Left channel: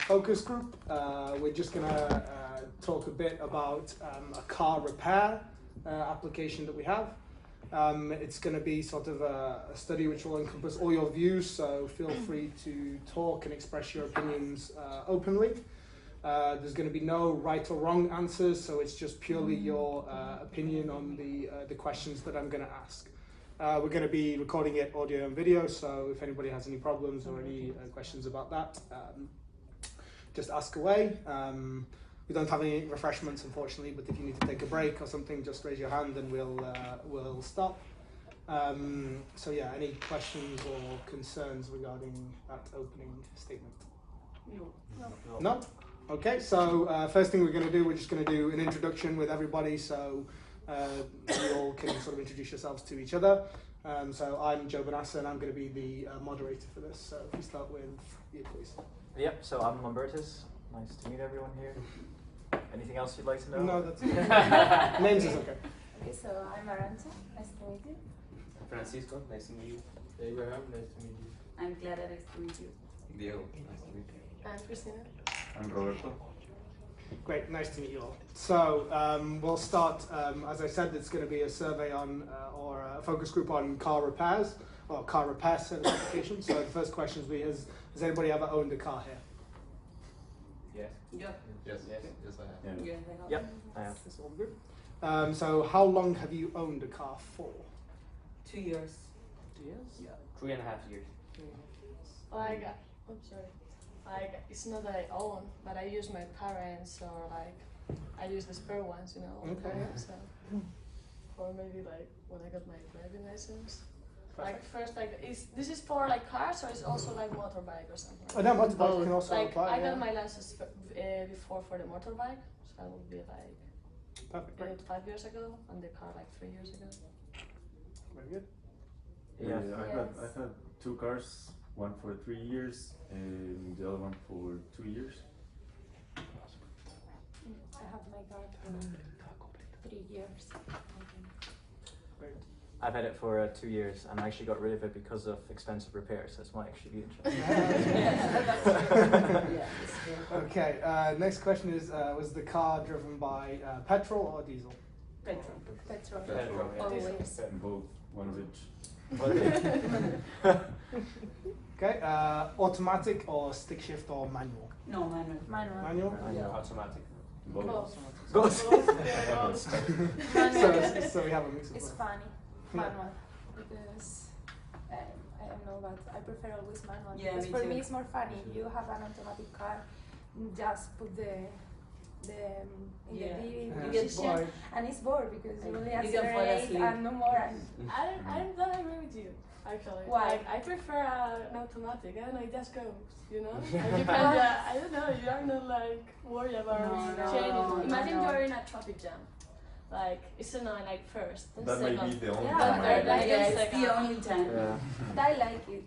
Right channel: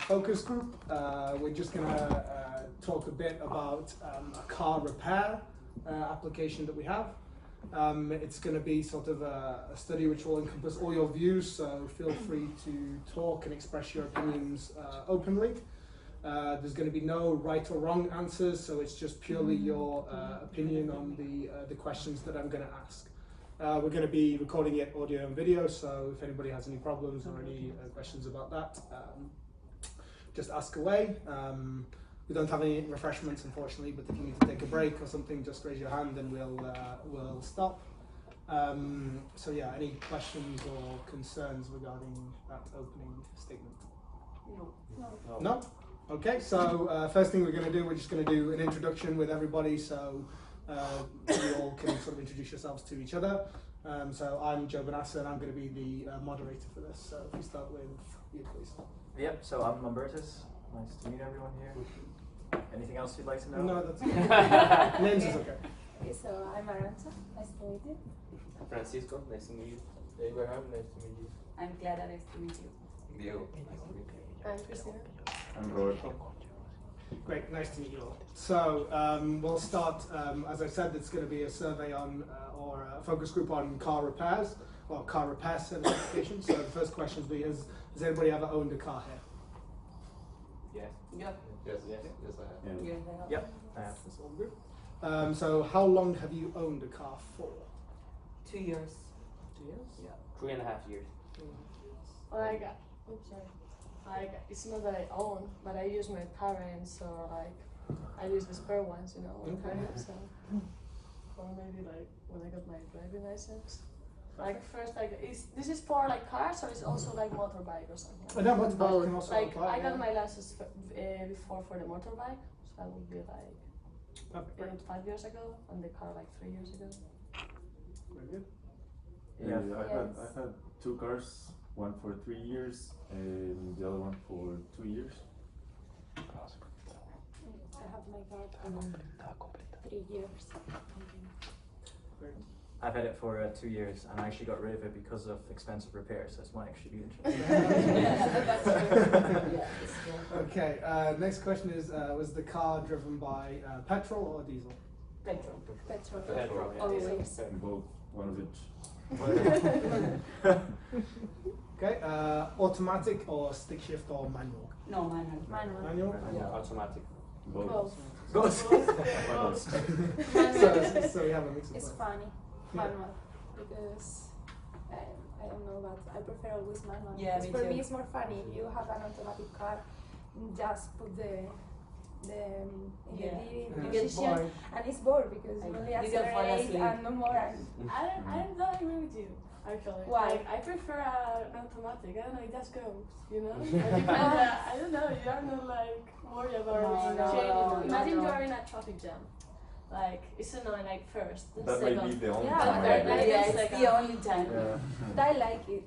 focus group. We're just going to talk a bit about a car repair application that we have. It's going to be sort of a study which will encompass all your views, so feel free to talk and express your opinions openly. There's going to be no right or wrong answers, so it's just purely your opinion on the questions that I'm going to ask. We're going to be recording it audio and video, so if anybody has any problems or any questions about that, just ask away. We don't have any refreshments, unfortunately, but if you need to take a break or something, just raise your hand and we'll stop. So yeah, any questions or concerns regarding that opening statement? No? No? Okay, so first thing we're going to do, we're just going to do an introduction with everybody, so you all can sort of introduce yourselves to each other. So I'm Joe Bonassa, and I'm going to be the moderator for this. So if we start with you, please. Yep, so I'm Lambertus. Nice to meet everyone here. Anything else you'd like to know? No, that's okay. Names is okay. Okay, so I'm Arancha. Nice to meet you. Francisco, nice to meet you. Abraham, nice to meet you. I'm Clara, nice to meet you. Diego, nice to meet you. I'm Cristina. I'm Roberto. Great, nice to meet you all. So we'll start, as I said, it's going to be a survey on, or a focus group on car repairs, or car repair certification. So the first question is, has anybody ever owned a car here? Yes. Yep. Yes, I have. Yeah. Yep, I have. That's all good. So how long have you owned a car for? 2 years. 2 years? Yeah. 3.5 years. Like, oops, sorry. Like, it's not that I own, but I use my parents, or like, I use the spare ones, you know, all the time. So, or maybe like when I got my driving license. Like first, like, this is for like cars, or it's also like motorbike or something? Oh, no, motorbike can also like, apply. I got my license before for the motorbike, so that would be like Perfect. 5 years ago, and the car like 3 years ago. Very good. Yeah. I've had 2 cars, one for 3 years and the other one for 2 years. I have my car for 3 years. I've had it for 2 years, and I actually got rid of it because of expensive repairs, so it's might actually be interesting. Yeah, that's true. Yeah, that's true. Okay, next question is, was the car driven by petrol or diesel? Petrol. Petrol, yeah. Always. Both, one of each. Okay, automatic or stick shift or manual? No, manual. Manual? Yeah. Automatic. Both. So we have a mix of It's both. funny, manual, because I don't know, but I prefer always manual. Yeah, because me for too. me it's more funny. You have an automatic car, just put the in Yeah. the You D get position, bored. and it's bored because you only You can fall accelerate asleep. and no more. And I'm not agree with you. Actually, Why? Like, I prefer an automatic. I don't know, it just goes. You know, like you can. I don't know. You are not like worried about No, changing. Imagine no. you're in a traffic jam. Like it's annoying. Like first, then That may second. be the only Yeah, time but I I like Yeah, it. it's second. the only time. Yeah. but I like it.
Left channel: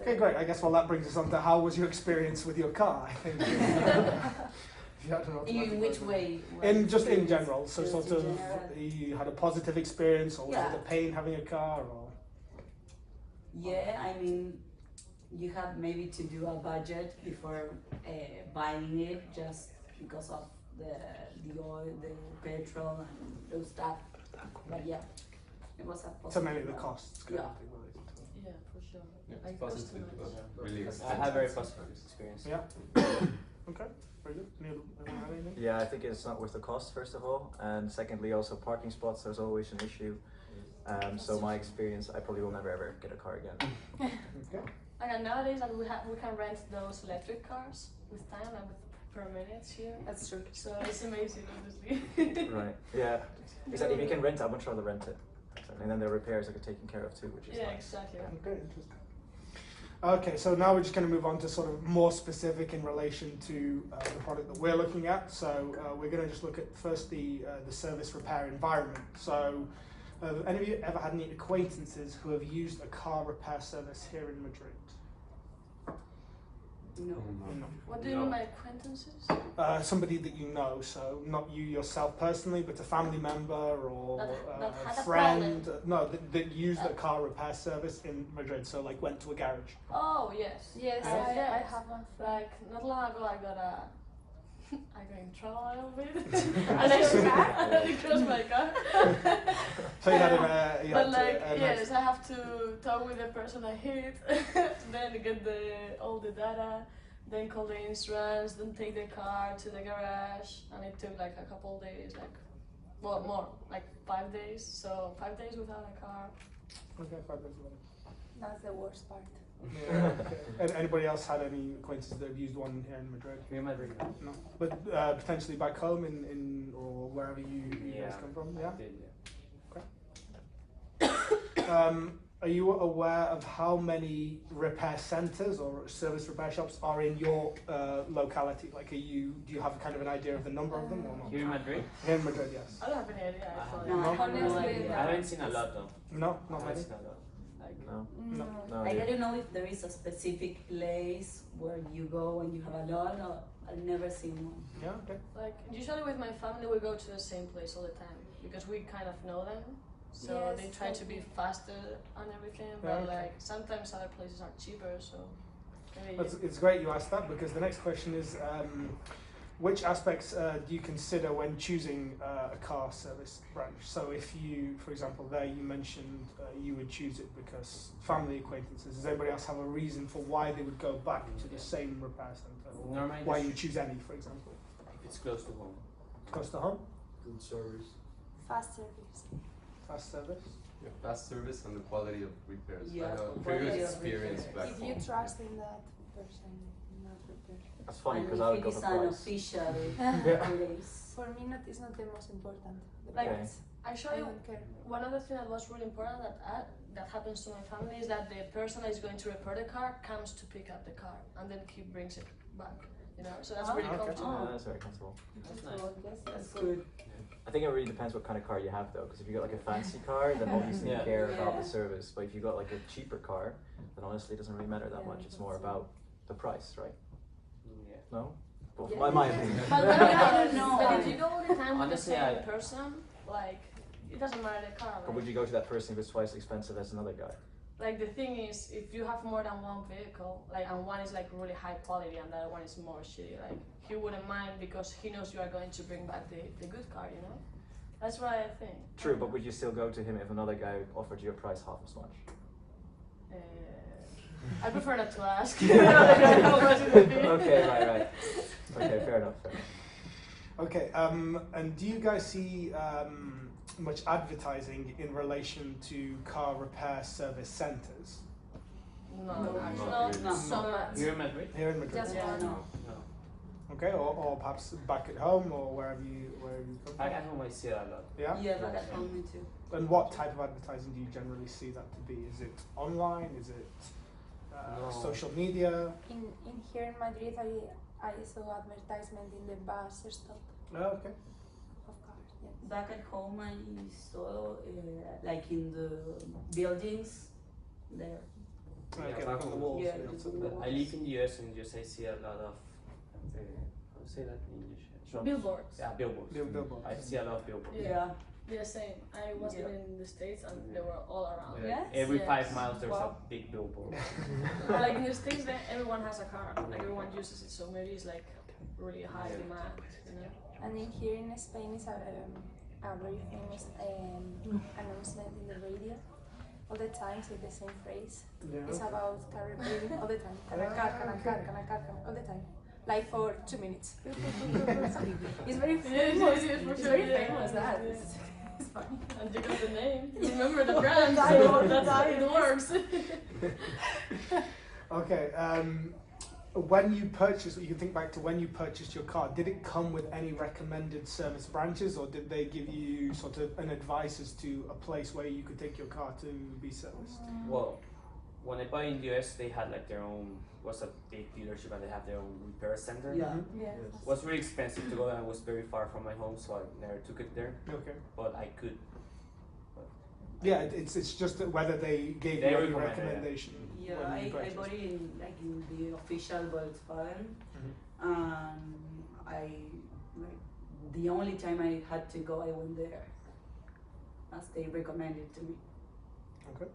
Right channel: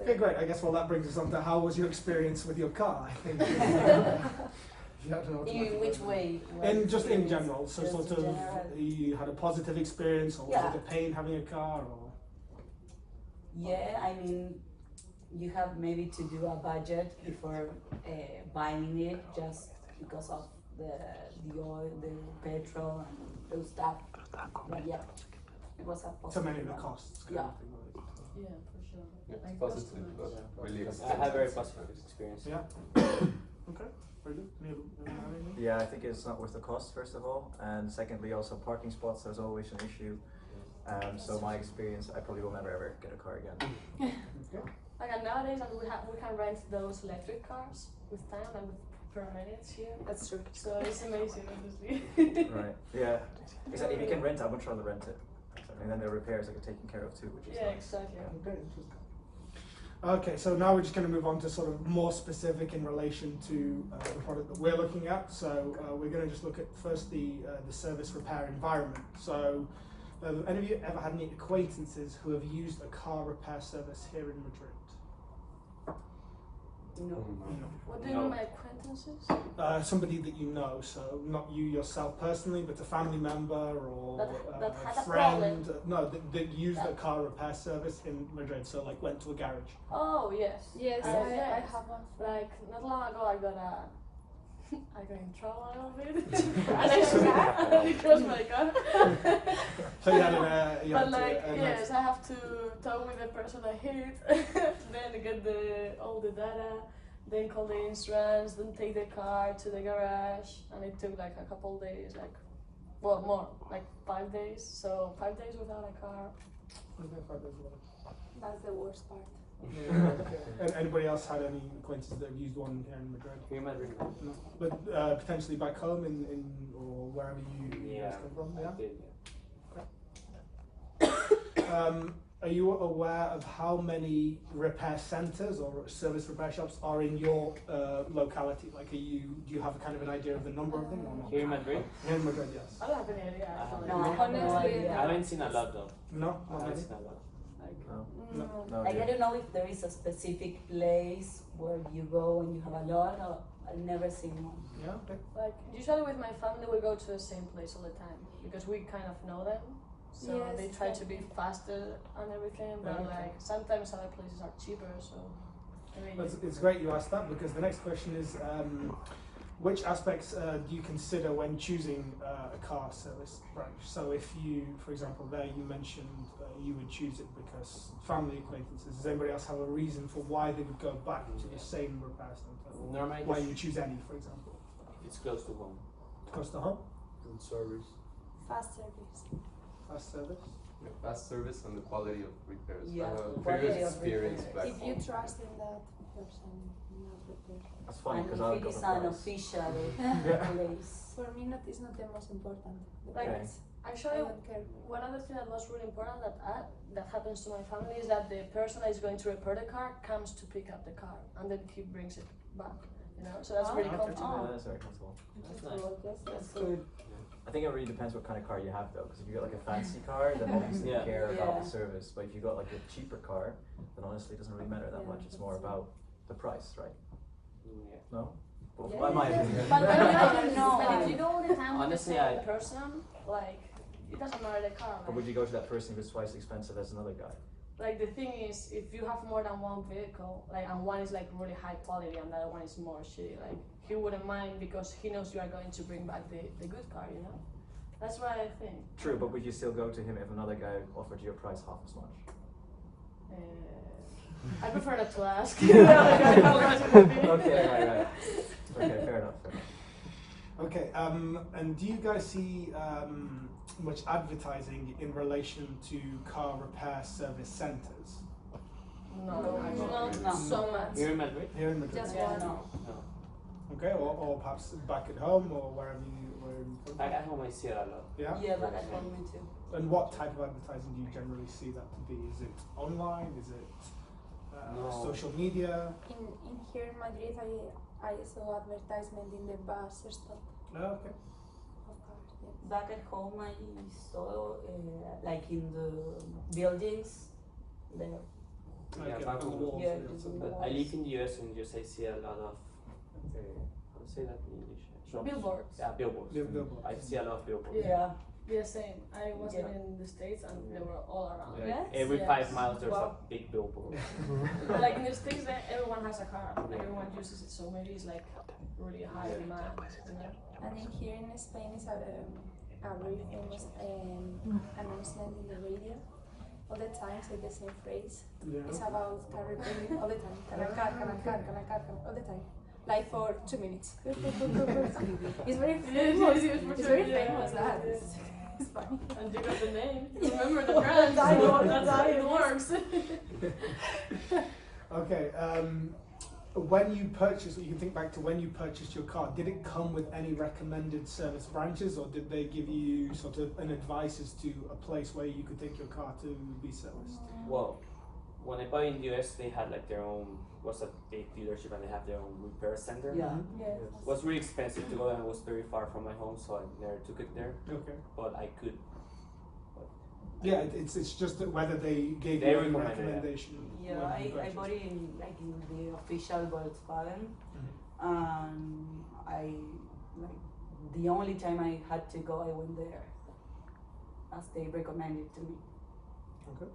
Okay, great. I guess that brings us on to how was your experience with your car? I think. If you had an automatic In which one. way? In just in Experience? general, so Just sort in of general. you had a positive experience, or was Yeah. it a pain having a car, or? Yeah, I mean, you have maybe to do a budget before buying it, just because of the oil, the petrol, and those stuff. But yeah, it was a So positive maybe the one. costs. Yeah. Yeah, for sure. It's Like, positive, but really I I have very positive experience. Yeah. Okay. Very good. Anything? Yeah, I think it's not worth the cost, first of all, and secondly, also parking spots, there's always an issue. So my experience, I probably will never ever get a car again. Okay. Like nowadays, like, we can rent those electric cars with time, like with per minutes here. That's true. So it's amazing, honestly. Right. Yeah. Exactly. If you can rent, I would rather rent it. And then the repairs are taken care of too, which is Yeah, nice. exactly. Okay, interesting. Okay, so now we're just going to move on to sort of more specific in relation to the product that we're looking at. So we're going to just look at first the service repair environment. So have any of you ever had any acquaintances who have used a car repair service here in Madrid? No. What do you mean by acquaintances? Somebody that you know, so not you yourself personally, but a family member or That had a a friend. problem. No, that used a car repair service in Madrid. So like went to a garage. Oh yes. Yes, Yes. I have one. Like not long ago, I got in trouble a little bit. And it crashed my car. So you had a. You But had to, like yes, I have to talk with the person I hit, then get all the data, then call the insurance, then take the car to the garage, and it took like a couple days, well more, like 5 days. So 5 days without a car. Okay, 5 days later. That's the worst part. Okay. And anybody else had any acquaintances that have used one here in Madrid? Here in Madrid, no? No, but potentially back home in or wherever you Yeah, guys come from. I Yeah. did, yeah. Are you aware of how many repair centres or service repair shops are in your locality? Like, do you have kind of an idea of the number of them or not? Here in Madrid, Here in Madrid, yes. I don't have any idea actually. No, I have no Honestly, idea. I haven't seen a lot though. No, I not haven't really. seen a lot. Like, No, No. no. Like, I idea. don't know if there is a specific place where you go and you have a lot, or I've never seen one. Yeah, okay. like usually with my family we go to the same place all the time because we kind of know them. So Yes, they try to be exactly. faster and everything, but Yeah. like sometimes other places are cheaper. So maybe It's great you asked that because the next question is which aspects do you consider when choosing a car service branch? So if you, for example, there you mentioned you would choose it because family acquaintances. Does anybody else have a reason for why they would go back to the same repair centre? Or Normally, why you would choose any, for example? it's close to home. Close to home, Good service. Fast service. fast service. The fast service and the quality of repairs. Yeah, I have the a quality previous of experience repairs. back If home. you trust in that person, not repair. That's funny And because I if would it go is for an price. official place. For me, it's not the most important. The Like, price. I actually don't care. one other thing that was really important that happens to my family is that the person that is going to repair the car comes to pick up the car and then he brings it back. You know, so that's really Oh, comfortable. Yeah, that's very comfortable. That's nice. That's good. I think it really depends what kind of car you have though, because if you got like a fancy car, then obviously you Yeah. care about the Yeah. service. But if you got like a cheaper car, then honestly it doesn't really matter that Yeah, much. It's more that's about the price, right? Yeah. No? Well, Yeah. my opinion. But I don't know. But if you go all the time with the Honestly, same I- person, like it doesn't matter the car. But would you go to that person if it's twice as expensive as another guy? Like the thing is, if you have more than one vehicle, like and one is like really high quality and the other one is more shitty, like he wouldn't mind because he knows you are going to bring back the good car, you know? That's what I think. True, but would you still go to him if another guy offered you a price half as much? I prefer not to ask. How much it would be. Okay, right. Okay, fair enough. Okay, and do you guys see much advertising in relation to car repair service centres No, No. so much. Here in Madrid? here in Madrid? Just Yeah, one. no. No. Okay, or perhaps back at home or wherever you come Back from? at home, I see it a lot. Yeah? Yeah, but at home, me too. And what type of advertising do you generally see that to be? Is it online? Is it No. social media? In here in Madrid, I saw advertisement in the bus stop Okay. of cars. Yes. Back at home, I saw like in the buildings there. Yeah, Okay, back on the home. walls, Yeah, yeah, it's so- on But I live in the US and just I see a lot of how to say that in English? Shops. Billboards. Yeah, billboards. Billboards. I see a lot of billboards. Yeah. Yeah, same. I was Yeah. living in the States and they were all around. Like, Yes? every Yes. 5 miles there's Wow. a big billboard. But like in the States, everyone has a car. Like Yeah. everyone uses it, so maybe it's like really high Yeah. demand. You know? And in here in Spain is a very famous announcement in the radio. All the time say the same phrase. Yeah. It's about car repairing all the time. Can I car, all the time. Like for 2 minutes. It's very famous. It's very famous that. It's funny. And you got the name. Remember the brand. I know, So that's how it yes. works. Okay, when you purchased, you can think back to when you purchased your car, did it come with any recommended service branches or did they give you sort of an advice as to a place where you could take your car to be serviced? Well, when I bought in the US, they had like their own, was a big dealership and they have their own repair center. Yeah. Mhm. Yes. It was really expensive to go and it was very far from my home, so I never took it there. Okay. But I could. Yeah, it's just that whether they gave They you any recommend it, yeah. recommendation. Yeah, when you I purchased. bought it in like in the official Volkswagen, Mhm. and I like the only time I had to go, I went there, as they recommended to me. Okay.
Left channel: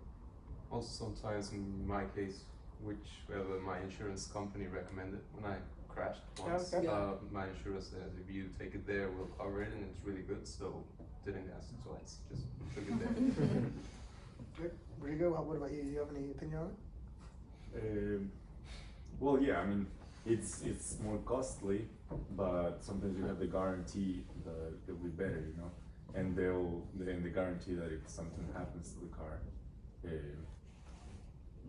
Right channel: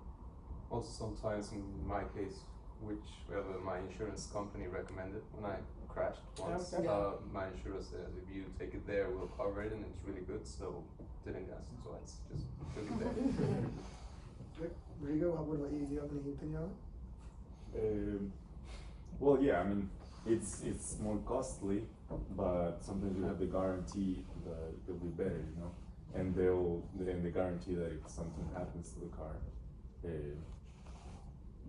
Also, sometimes in my case, whichever my insurance company recommended when I crashed once, Okay. my insurance said if you take it there, we'll cover it, and it's really good. So didn't ask twice, just took it there. Good. Rigo, what about you? Do you have any opinion on it? Well, yeah, I mean, it's more costly, but sometimes you have the guarantee that it'll be better, you know, and they guarantee that if something happens to the car,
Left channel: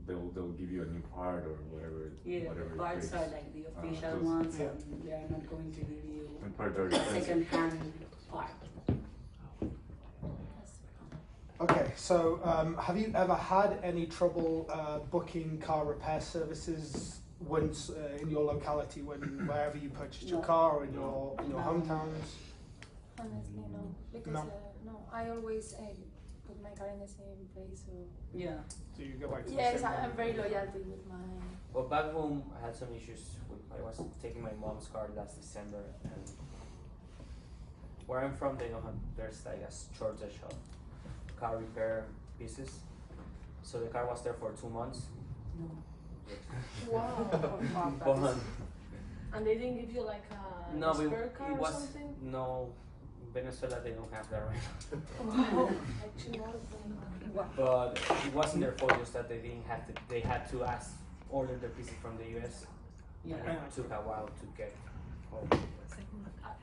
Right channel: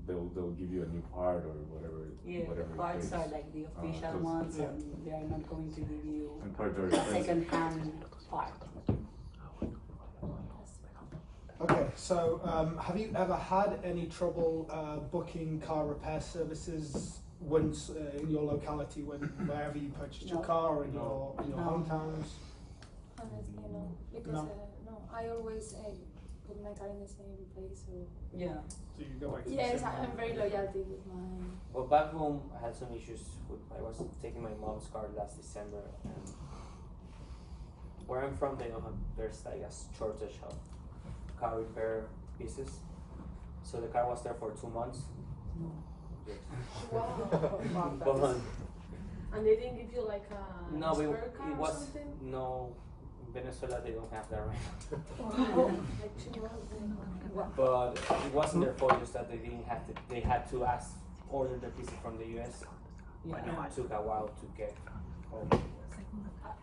they'll give you a new part or whatever. Yeah, whatever the it parts takes. are like the official those- ones, yeah. and they are not going to give you And parts are a expensive. second-hand part. Okay, so have you ever had any trouble booking car repair services once in your locality, wherever you purchased your No. car or in No. your No. hometowns? Honestly, no. Because No. no, I always put my car in the same place. So Yeah. Do you go back to the yes, same I'm very loyalty with my. But back home, I had some issues with. I was taking my mom's car last December, and where I'm from, they don't have. There's like a shortage of car repair pieces. So the car was there for 2 months. No. Wow. But And they didn't give you like a no, spare car it or was something? no. In Venezuela, they don't have that right now. Wow. Actually, what? But it wasn't their fault, just that they didn't have to. They had to order the pieces from the US. Yeah. It took a while to get home.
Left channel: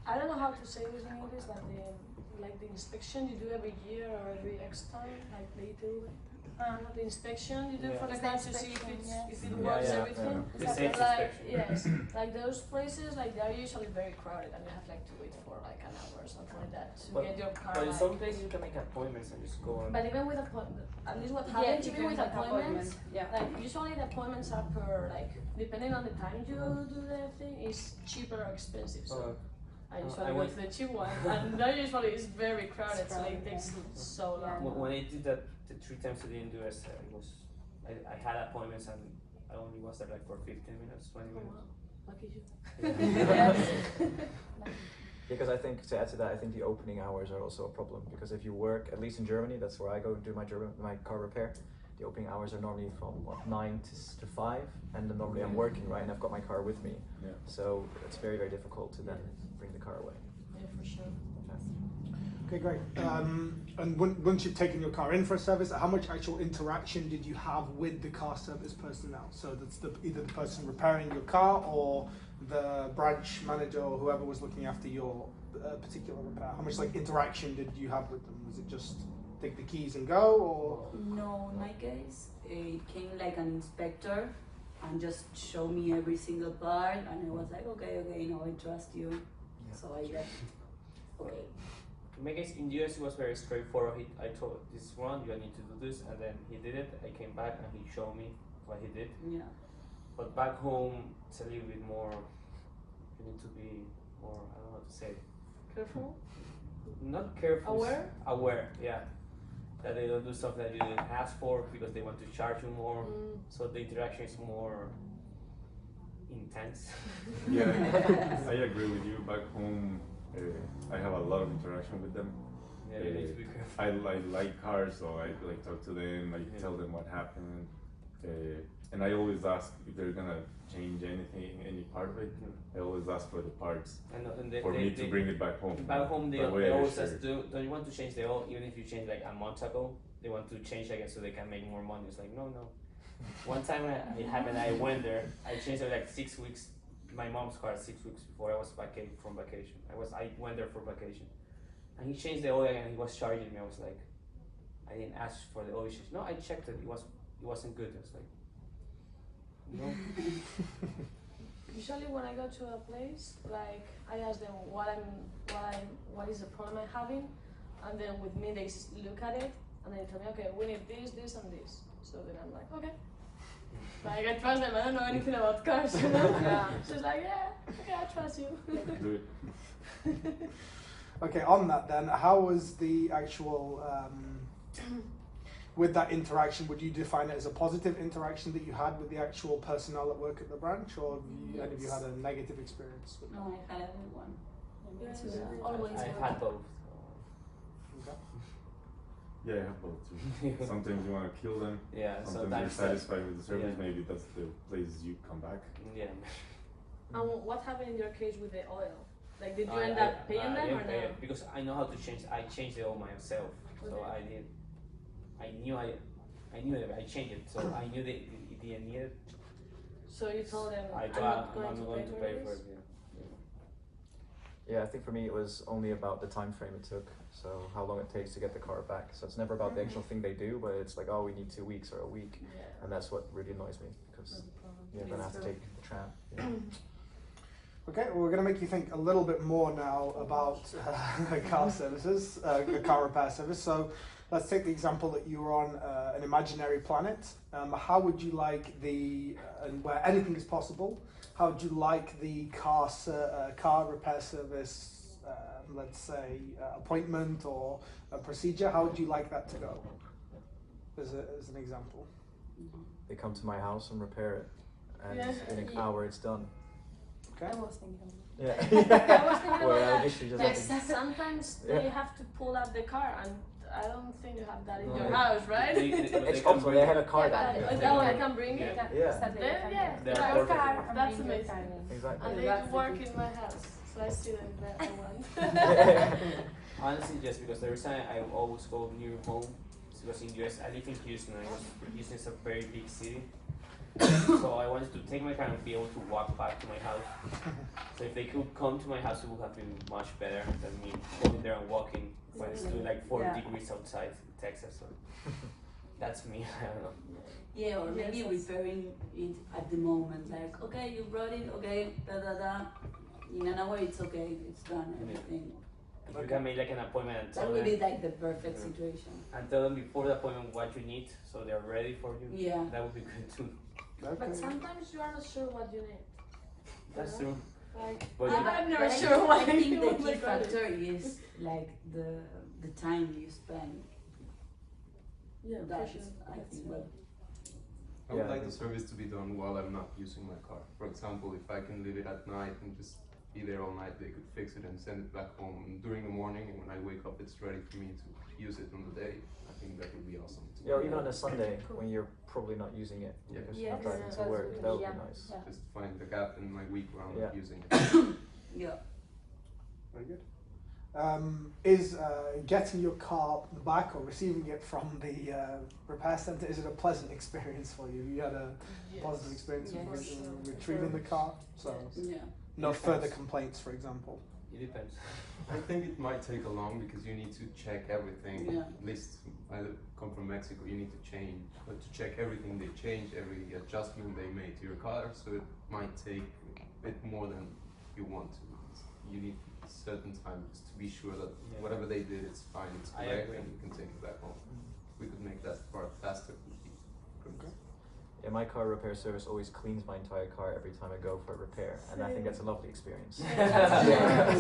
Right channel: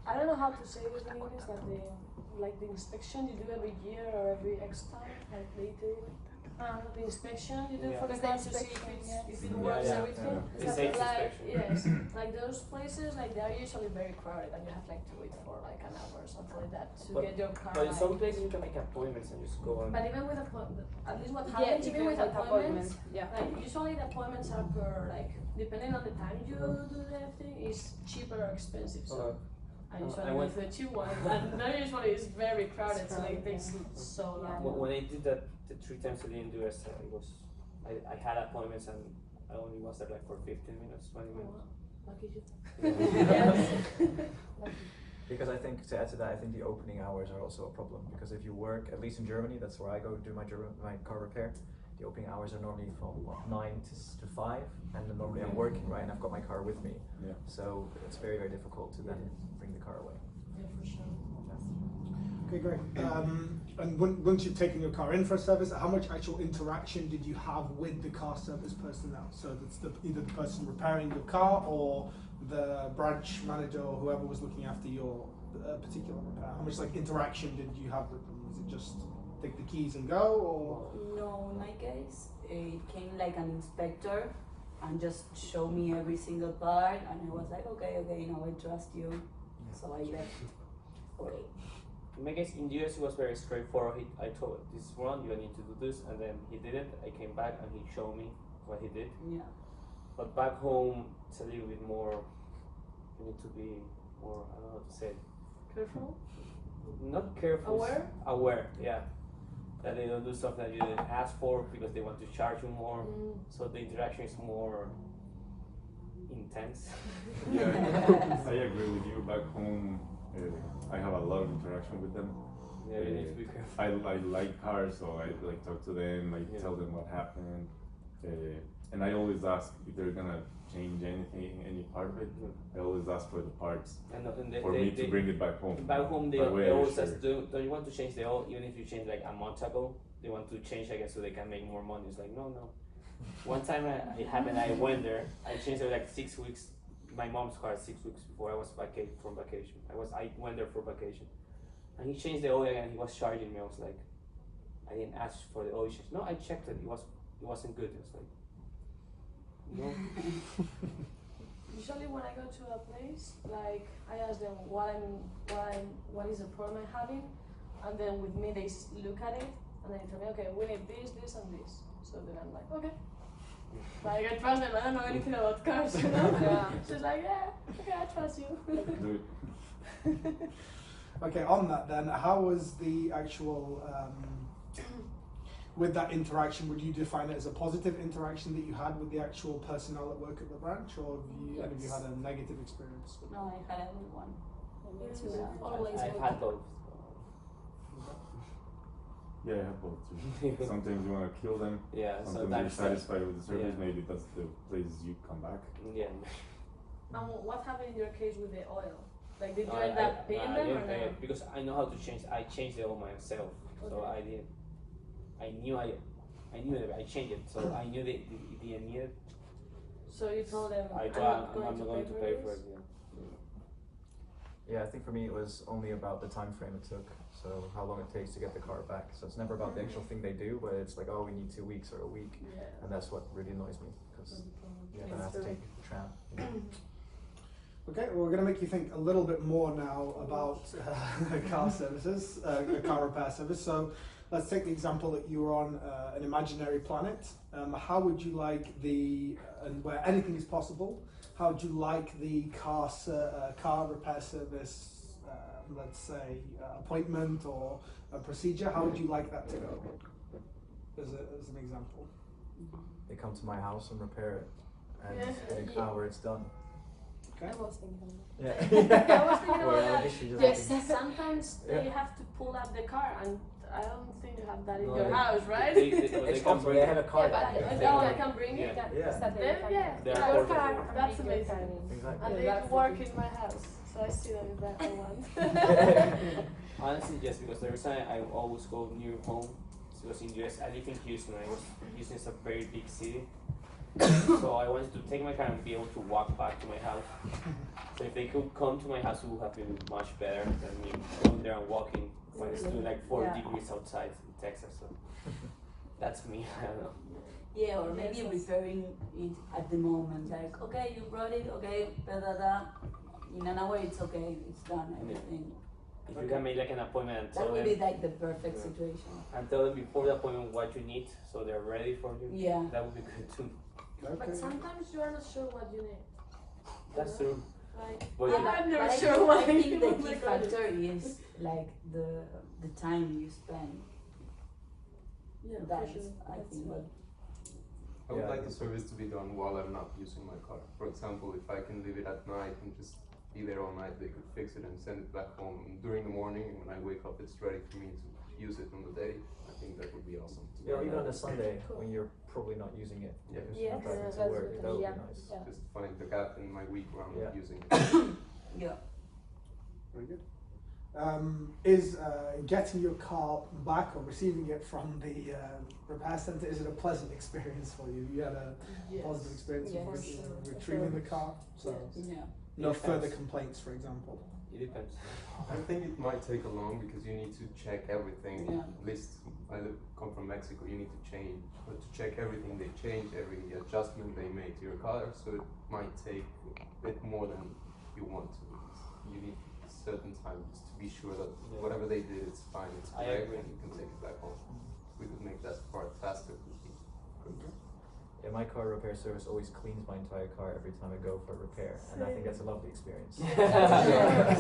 I don't know how to say this in English, but like the inspection you do every year or every X time, like later. The inspection you do Yeah. for the It's the car to see inspection, if yes. it Yeah, works, yeah, everything. yeah. The safe Like, inspection. yes, like those places, like they are usually very crowded, and you have like to wait for like an hour or something like that to But- get your car. But in like- some places, you can make appointments and just go on. But even with appointment, at least what Yeah, happens even even with with appointments, Yeah. like usually the appointments are per like depending on the time you do the thing is cheaper or expensive. So I usually I go went- to the cheap one, and that usually is very crowded, It's so it crowded, takes yeah. so long. When I did that the 3 times a day in the US, it was I had appointments and I only was there like for 15 minutes, 20 Oh, minutes. wow. Lucky you. Yeah. Because I think, to add to that, I think the opening hours are also a problem. Because if you work, at least in Germany, that's where I go and do my car repair. The opening hours are normally from 9 to 5, and then normally I'm working, right, and I've got my car with me. Yeah. So it's very, very difficult to then bring the car away. Yeah, for sure. Okay, great. And once you've taken your car in for a service, how much actual interaction did you have with the car service personnel? So that's either the person repairing your car or the branch manager or whoever was looking after your particular repair. How much like interaction did you have with them? Was it just take the keys and go, or? No, in my case, it came like an inspector and just showed me every single part, and I was like, okay, you know, I trust you. Yeah. So I left. Okay. In my case, in the US, it was very straightforward. I told this one, you need to do this, and then he did it. I came back and he showed me what he did. Yeah. But back home, it's a little bit more. You need to be more. I don't know how to say. Careful. Not careful. Aware? Aware, yeah. That they don't do something that you didn't ask for because they want to charge you more. So the interaction is more intense. Yeah, I agree with you. Back home, I have a lot of interaction with them. Yeah, you need to be careful. I like cars, so I like talk to them. I Yeah. tell them what happened, and I always ask if they're gonna change anything, any part of it. I always ask for the parts And for me to bring it back home. Back home, they That way I always share ask, it. don't you want to change the oil? Even if you change like a month ago, they want to change again so they can make more money. It's like, no. One time it happened, I went there, I changed it like 6 weeks, my mom's car 6 weeks before I was from vacation. I went there for vacation. And he changed the oil again, he was charging me. I was like, I didn't ask for the oil change. No, I checked it, it wasn't good. I was like, no. Usually when I go to a place, like I ask them what is the problem I'm having, and then with me they look at it and they tell me, okay, we need this, and this. So then I'm like, okay. Like I trust them. I don't know anything about cars, you know. Yeah. She's like, yeah, okay, I trust you. Do it. Okay, on that then, how was the actual with that interaction, would you define it as a positive interaction that you had with the actual personnel at work at the branch, or have you, any of you had a negative experience with No, I had a good one. Always I've good. had both. Yeah, I have both too. Sometimes you want to kill them. Yeah, Sometimes you're sometimes satisfied with the service. yeah. Maybe that's the place you come back. Yeah. And what happened in your case with the oil? Like, did you I- end I- up paying I them or didn't pay no? it because I know how to change. I changed the oil myself, so Okay. I did. I knew it. I changed it, so I knew they didn't need it. So you told them, I I'm thought not I'm not going to pay for this? it. Yeah, I think for me it was only about the time frame it took. So how long it takes to get the car back. So it's never about the actual thing they do, but it's like, oh, we need 2 weeks or a week, Yeah. and that's what really annoys me because then I have to take the tram. You know? Okay, well, we're going to make you think a little bit more now about car services, car repair service. So let's take the example that you were on an imaginary planet. How would you like and where anything is possible, how would you like the car repair service, let's say, appointment or a procedure, how would you like that to go, as an example? They come to my house and repair it, and Yeah. in an hour it's done. Okay. I was thinking of that. Yeah. I was thinking Or about that. addiction just Yes, happens. sometimes Yeah. you have to pull up the car, and I don't think you have that in No, your they- house, right? They It's can also, bring they it. have a car Yeah, that but can they I can- can bring it. Yeah. Yeah. Saturday, Then, yeah, They're your portable. car, I'm that's bring your amazing. car in. Exactly. And Yeah, they work in my house, so I see that is that I want. Honestly, just because the reason I always go near home is because in US I live in Houston. I was Houston is a very big city, so I wanted to take my car and be able to walk back to my house. So if they could come to my house, it would have been much better than me going there and walking when it's still like 4 Yeah. degrees outside in Texas. So that's me. I don't know. Yeah, or maybe Yes, repairing it at the moment. Like, okay, you brought it, okay, da da da. In an hour, it's okay, it's done, everything. If you can make like an appointment and That tell would be them, like the perfect Yeah. situation. and tell them before the appointment what you need, so they're ready for you. Yeah. That would be good too. But sometimes you are not sure what you need. That's true. Like, But I'm you- not never But sure what I think the you key like. factor is like the time you spend. Yeah, That's, for sure. I That's think, right. what I would Yeah. like the service to be done while I'm not using my car. For example, if I can leave it at night and just be there all night, they could fix it and send it back home during the morning, and when I wake up it's ready for me to use it on the day. I think that would be awesome. Yeah, or even on a Sunday when you're probably not using it Yeah. because Yes, you're driving that's to work. good. That would Yeah. be nice. Yeah. Just find the gap in my week where I'm Yeah. not using it. Yeah. Very good. Is getting your car back or receiving it from the repair centre, is it a pleasant experience for you? You had a Yes. positive experience Yes. with For sure. retrieving the car? So Yes. Yeah. no Depends. further complaints, for example? It depends. I think it might take a long because you need to check everything. Yeah. At least come from Mexico, you need to check everything they change, every adjustment they made to your car. So it might take a bit more than you want to. You need certain time just to be sure that Yeah. whatever they did, it's fine, it's I correct, agree. and you can take it back home. We could make that part faster. Would be good. Yeah, my car repair service always cleans my entire car every time I go for a repair, and I think that's a lovely experience. Yeah.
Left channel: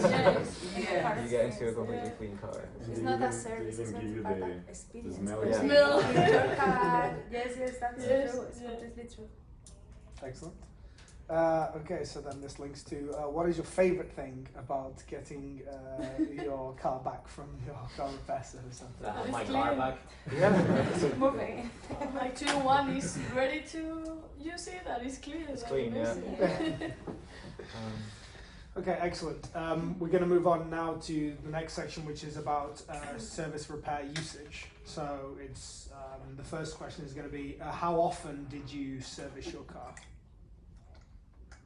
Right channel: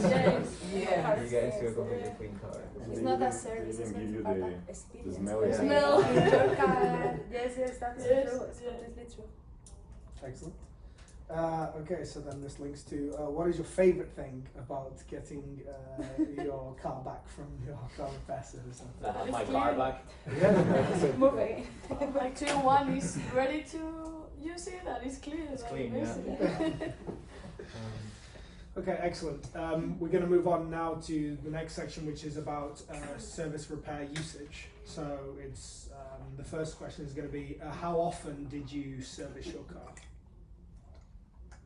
You get into a completely clean car. It's They not a even- service, they it's even not give you part the of experience. smell When of they Smell. clean your car. Yes, that's Yes, true. It's yeah. completely true. Excellent. Okay, so then this links to what is your favourite thing about getting your car back from your car repair service? I have It's my clean. car back. Yeah. Moving. Actually, one is ready to use it and it's clean. It's like clean, yeah. amazing. Okay, excellent. We're going to move on now to the next section, which is about service repair usage. So it's the first question is going to be how often did you service your car?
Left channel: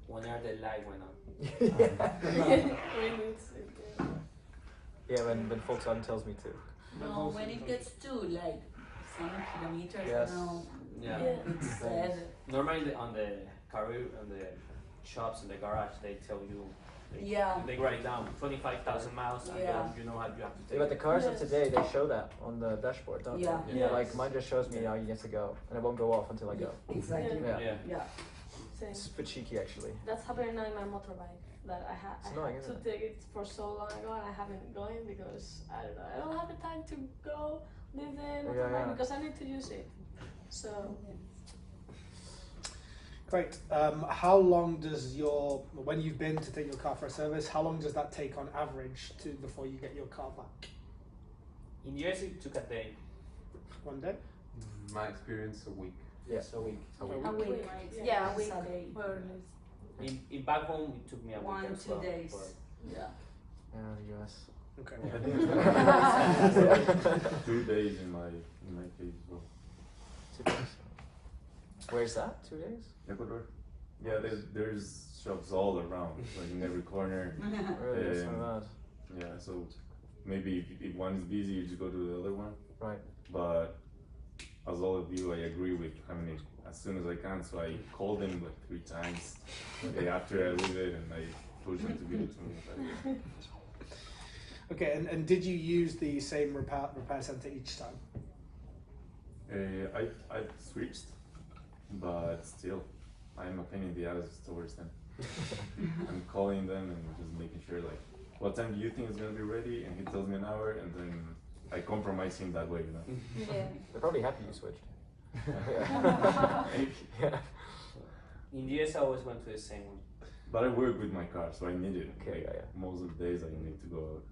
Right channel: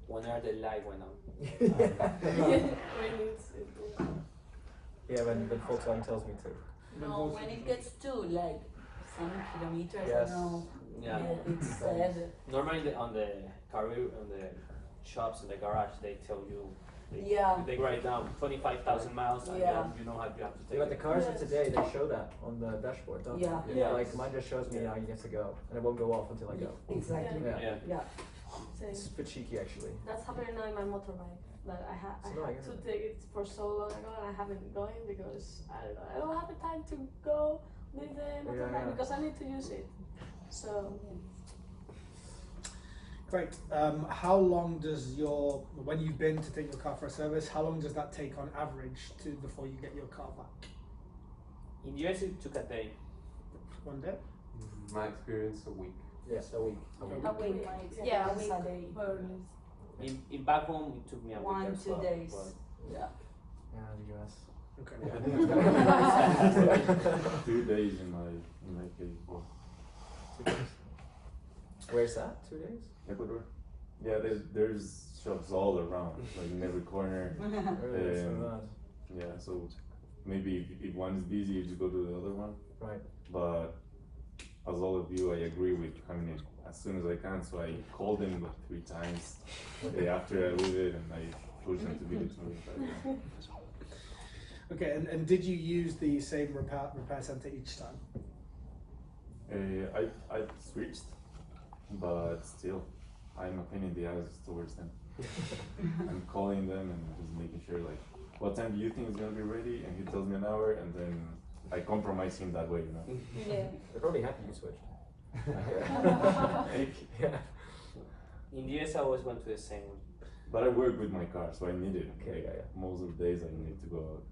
Whenever the light went on. When it's, yeah. Yeah, when Volkswagen tells me to. No, when it gets to like some kilometers, Yes. I know. Yeah. It says Normally on the car on the shops in the garage they tell you Yeah. they write down 25,000 miles and Yeah. you know how you have to take Yeah, but the it. cars of Yes. today, they show that on the dashboard, don't Yeah. they? Yes. Like mine just shows me how you get to go, and it won't go off until I go. Exactly. Yeah. Yeah. Yeah. Same. It's a bit cheeky actually. That's happening now in my motorbike. That I It's had annoying, to isn't it? take it for so long ago and I haven't going because I don't know, I don't have the time to go leave the Yeah, motorbike yeah. because I need to use it. So Great. How long does when you've been to take your car for a service, how long does that take on average before you get your car back? In US it took a day. 1 day? My experience, a week. Yes, a week. A week. Like, Yeah, a it's week. day. Or less. In back home it took me a week 1, as 2 well. days. but- Yeah. Yeah, the US. Okay. I think it's 2 days in my case. Well, 2 days. Where's that? 2 days? Ecuador. Yeah, there's shops all around, like in every corner. Really? It's so Um, bad. Yeah, so maybe if one is busy, you just go to the other one. Right. But as all of you, I agree with having it as soon as I can. So I called them like 3 times the day after I leave it, and I push them to give it to me. Okay, and did you use the same repair center each time? I switched, but still, I'm a pain in the ass towards them. I'm calling them and just making sure, like, what time do you think it's gonna be ready? And he tells me an hour, and then I compromise him that way, you know. Yeah. They're probably happy you switched. Yeah. In the US I always went to the same one. But I work with my car, so I need it. Okay, Like, yeah. Most of the days I need to go out.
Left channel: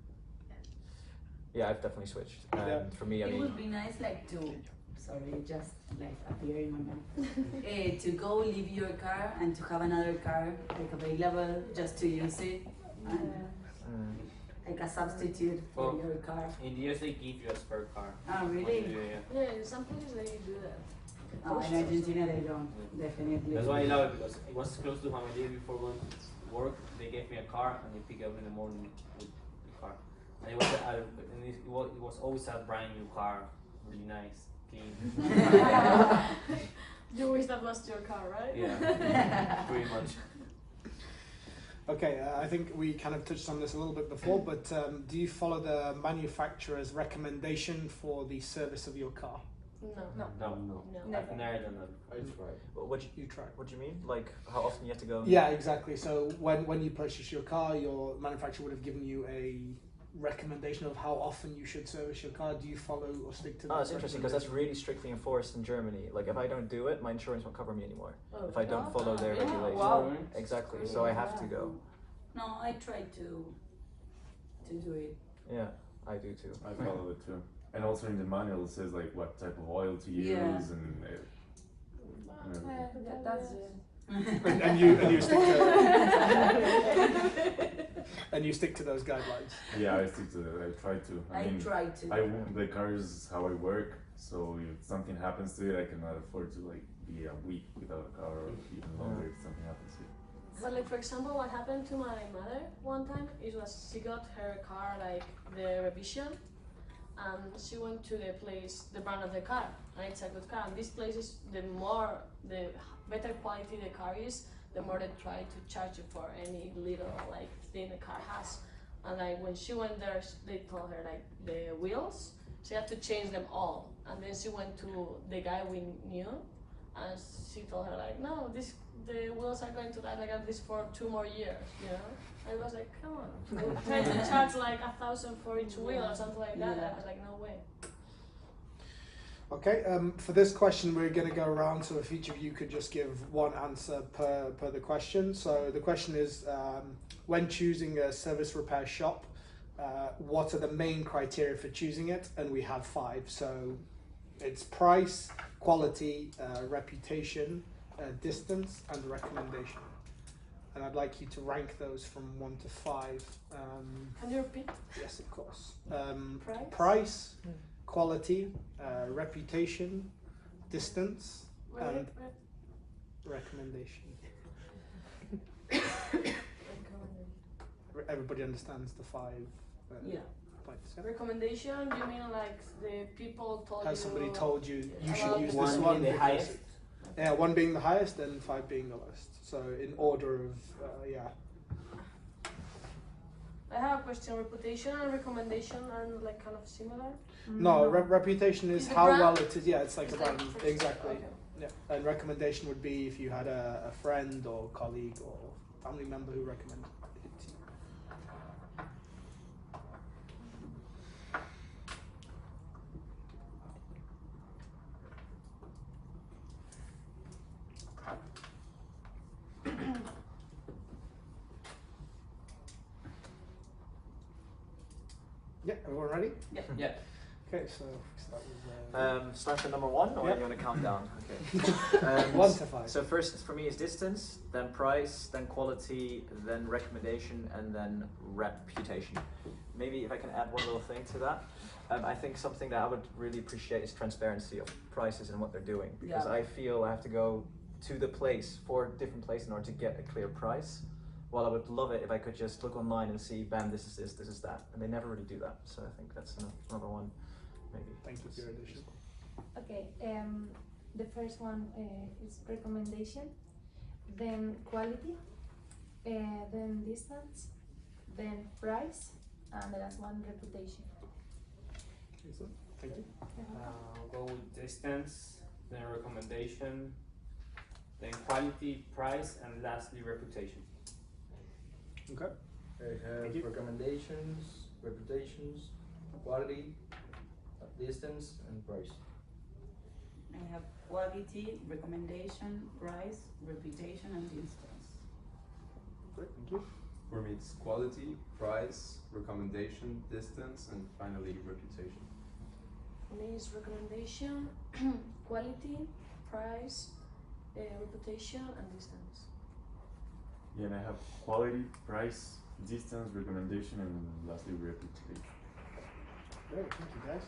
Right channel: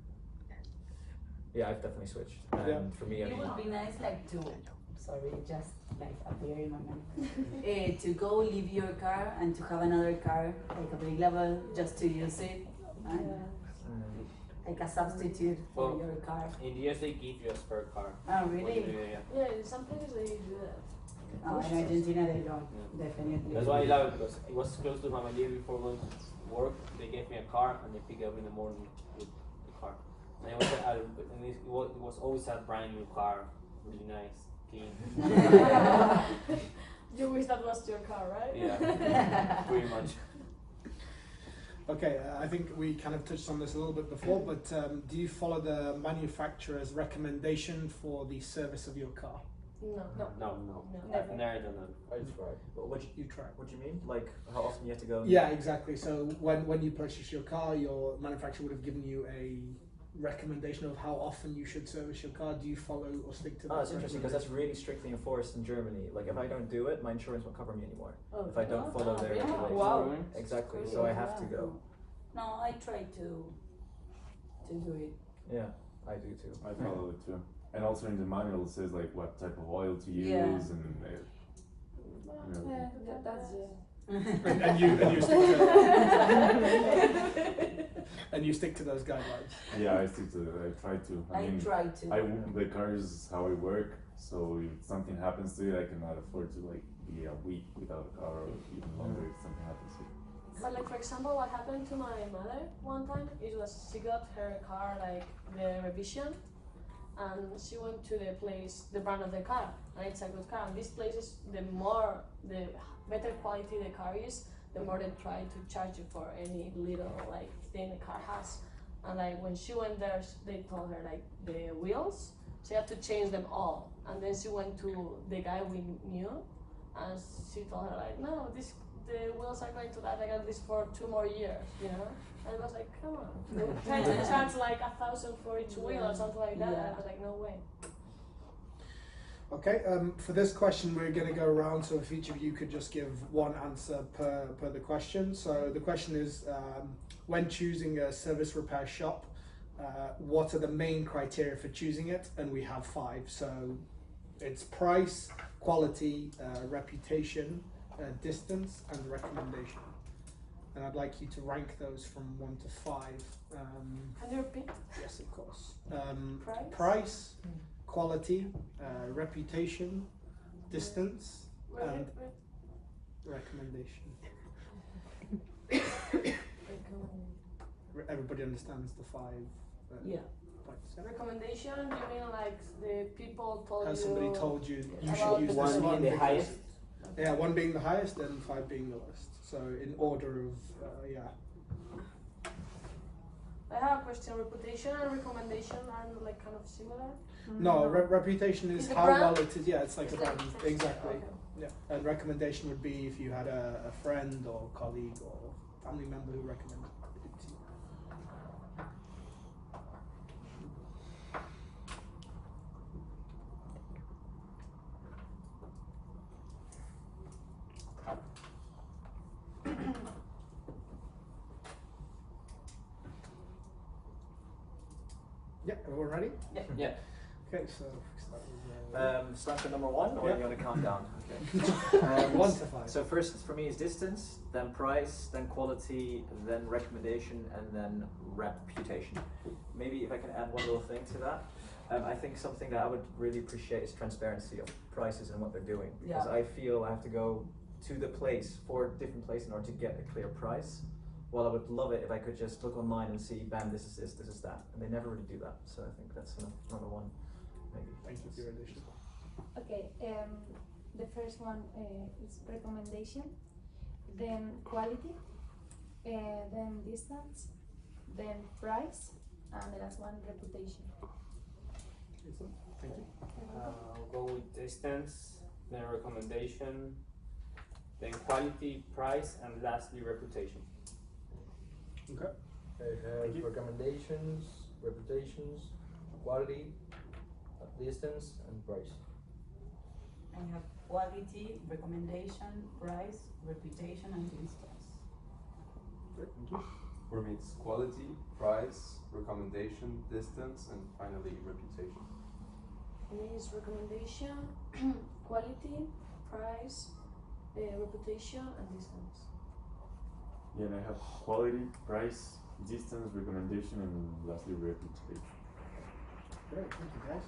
Yeah, I've definitely switched. And Yeah. for me, I It mean, would be nice, like sorry, just like appear in my mind, to go leave your car and to have another car like available just to use it, and mm, like a substitute for Well, your car. In the US they give you a spare car. Oh, really? Yeah. in some places they do that. Oh, in Argentina they don't, definitely. That's why I love it because it was close to how I live before going to work. They gave me a car and they pick up in the morning with the car. And it was always a brand new car, really nice, clean. You wish that was your car, right? Yeah, pretty much. Okay, I think we kind of touched on this a little bit before, but do you follow the manufacturer's recommendation for the service of your car? No. No, No. I've never done that. I tried. But You tried. what do you mean? Like how often you have to go? Yeah, exactly. So when you purchase your car, your manufacturer would have given you a recommendation of how often you should service your car. Do you follow or stick to that? Oh, it's interesting because that's really strictly enforced in Germany. Like if I don't do it, my insurance won't cover me anymore. Oh, If I don't follow their yeah. regulations. Wow. Exactly. So I have to go. No, I try to do it. Yeah, I do too. I follow it too. And also in the manual it says like what type of oil to use Yeah. and That's and you stick to and you stick to those guidelines. yeah, I stick to it. I try to. I try to. The car is how I work, so if something happens to it, I cannot afford to like be a week without a car or even longer if something happens to it. But like for example, what happened to my mother one time, it was she got her car like the revision, and she went to the place, the brand of the car, and it's a good car. And these places, the better quality the car is, the more they try to charge you for any little like thing the car has. And like when she went there, they told her like the wheels, she had to change them all. And then she went to the guy we knew, and she told her like, no, the wheels are going to last like at least for 2 more years, you know? And it was like, come on. They were trying to charge like 1,000 for each wheel or something like that. Yeah. I was like, no way. Okay, for this question we're going to go around, so if each of you could just give one answer per the question. So the question is, when choosing a service repair shop, what are the main criteria for choosing it? And we have 5. So it's price, quality, reputation, distance, and recommendation. And I'd like you to rank those from 1 to 5. Can you repeat? Yes, of course. Price? Quality, reputation, distance, and recommendation. Everybody understands the 5 Yeah. points. Yeah? Recommendation, you mean like the people told Has you? somebody told you you about should use the this One one? being the because highest. Yeah, 1 being the highest and 5 being the lowest. So in order of, yeah. I have a question. Reputation and recommendation are like kind of similar. No, reputation is Is the how brand? well it is. Yeah, it's like a It's like brand. for- Exactly. okay. Yeah. And recommendation would be if you had a friend or colleague or family member who recommended it to you. Everyone ready? Yeah. Okay, so start with, Start with number 1, or Yeah. you want to count down? Okay. 1 to 5. So first for me is distance, then price, then quality, then recommendation, and then reputation. Maybe if I can add one little thing to that. I think something that I would really appreciate is transparency of prices and what they're doing. Because Yeah. I feel I have to go to the place, 4 different places in order to get a clear price. While I would love it if I could just look online and see, bam, this is this, this is that. And they never really do that. So I think that's another one, maybe. Thank you for your addition. Okay, the first one is recommendation, then quality, then distance, then price, and the last one, reputation. Excellent. Thank you. I'll go with distance, then recommendation, then quality, price, and lastly reputation. Okay. I have Thank you. recommendations, reputations, quality, distance, and price. I have quality, recommendation, price, reputation, and distance. Great, thank you. For me, it's quality, price, recommendation, distance, and finally reputation. For me, it's recommendation, quality, price, reputation, and distance. Yeah, and I have quality, price, distance, recommendation, and lastly reputation. Great, thank you guys.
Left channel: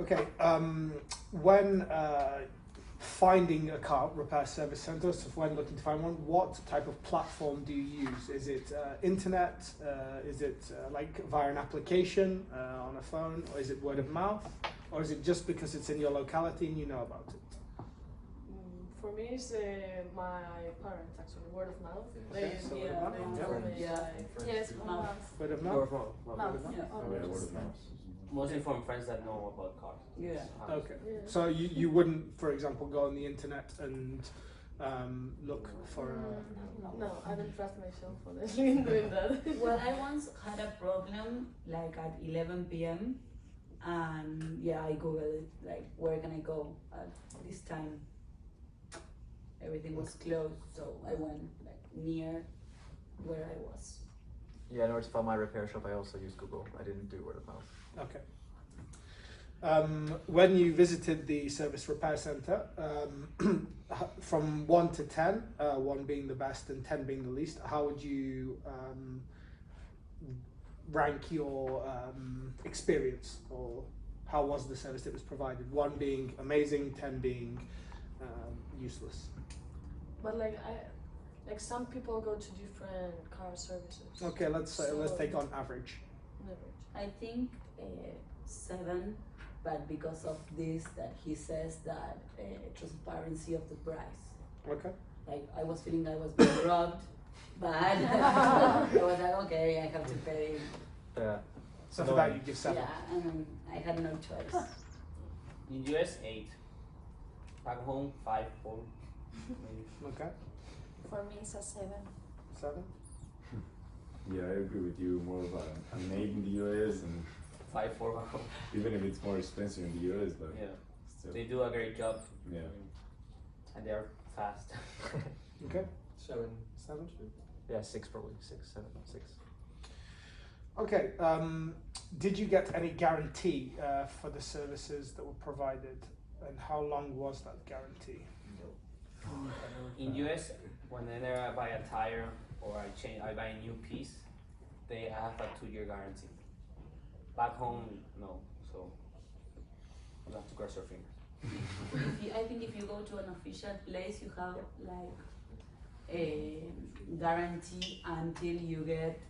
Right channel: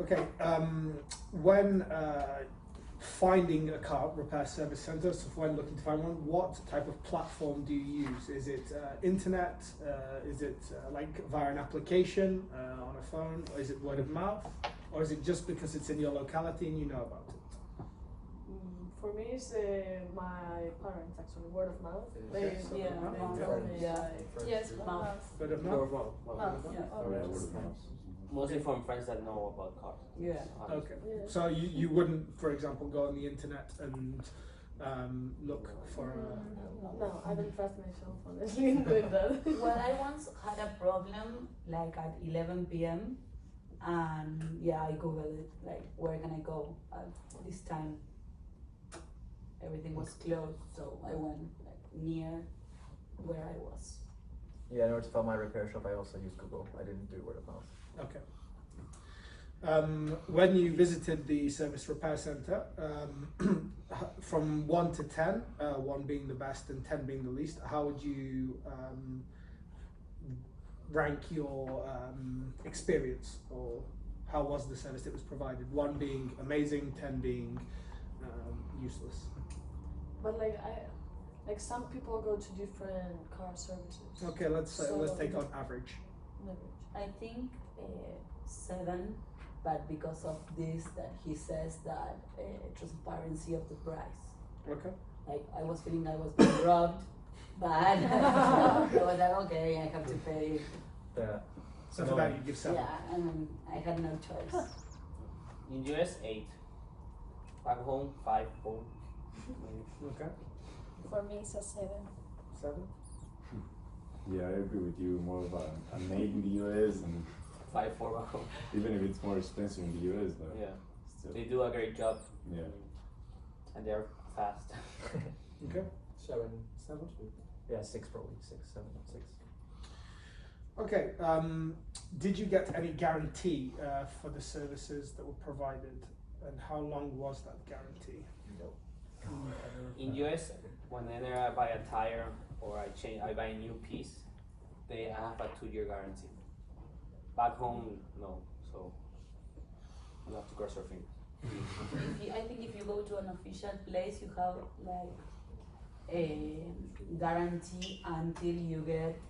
Okay, when finding a car repair service centre, so when looking to find one, what type of platform do you use? Is it internet? Is it like via an application on a phone? Or is it word of mouth? Or is it just because it's in your locality and you know about it? For me, it's my parents actually, word of mouth. They Yeah, told me yeah. like, Yes, Mouth. Word of Word mouth? of mouth. mouth. Yeah. Oh yeah, word of mouth. Mostly from friends that know about cars. Yeah. Okay. Yeah. So you wouldn't, for example, go on the internet and look for No, I don't trust myself honestly in doing that. Well, I once had a problem like at 11 p.m. and yeah, I googled it, like where can I go at this time? Everything was closed, so I went like near where I was. Yeah, in order to find my repair shop, I also used Google. I didn't do word of mouth. Okay. When you visited the service repair centre, from 1 to 10, 1 being the best and 10 being the least, how would you rank your experience, or how was the service that was provided? 1 being amazing, 10 being useless. But like some people go to different car services. Okay, let's So- take on average. Never. I think 7, but because of this that he says that transparency of the price. Okay. Like I was feeling I was being robbed, but I was like, okay, I have to pay. Yeah. So for that you give 7. Yeah, and I had no choice. In US, 8. Back home, 5, 4. Okay. For me, it's a 7. 7. Yeah, I agree with you. More of an 8 in the US, and 5, 4 back home. even if it's more expensive in the US, but Yeah. still. They do a great job. Yeah. And they're fast. Okay. 7. 7. Yeah, 6 probably. 6, 7, 6. Okay. Did you get any guarantee for the services that were provided, and how long was that guarantee? In US, whenever I buy a tire or I buy a new piece, they have a 2-year guarantee. Back home, no. So you have to cross your fingers. I think if you go to an official place, you have like a guarantee until you get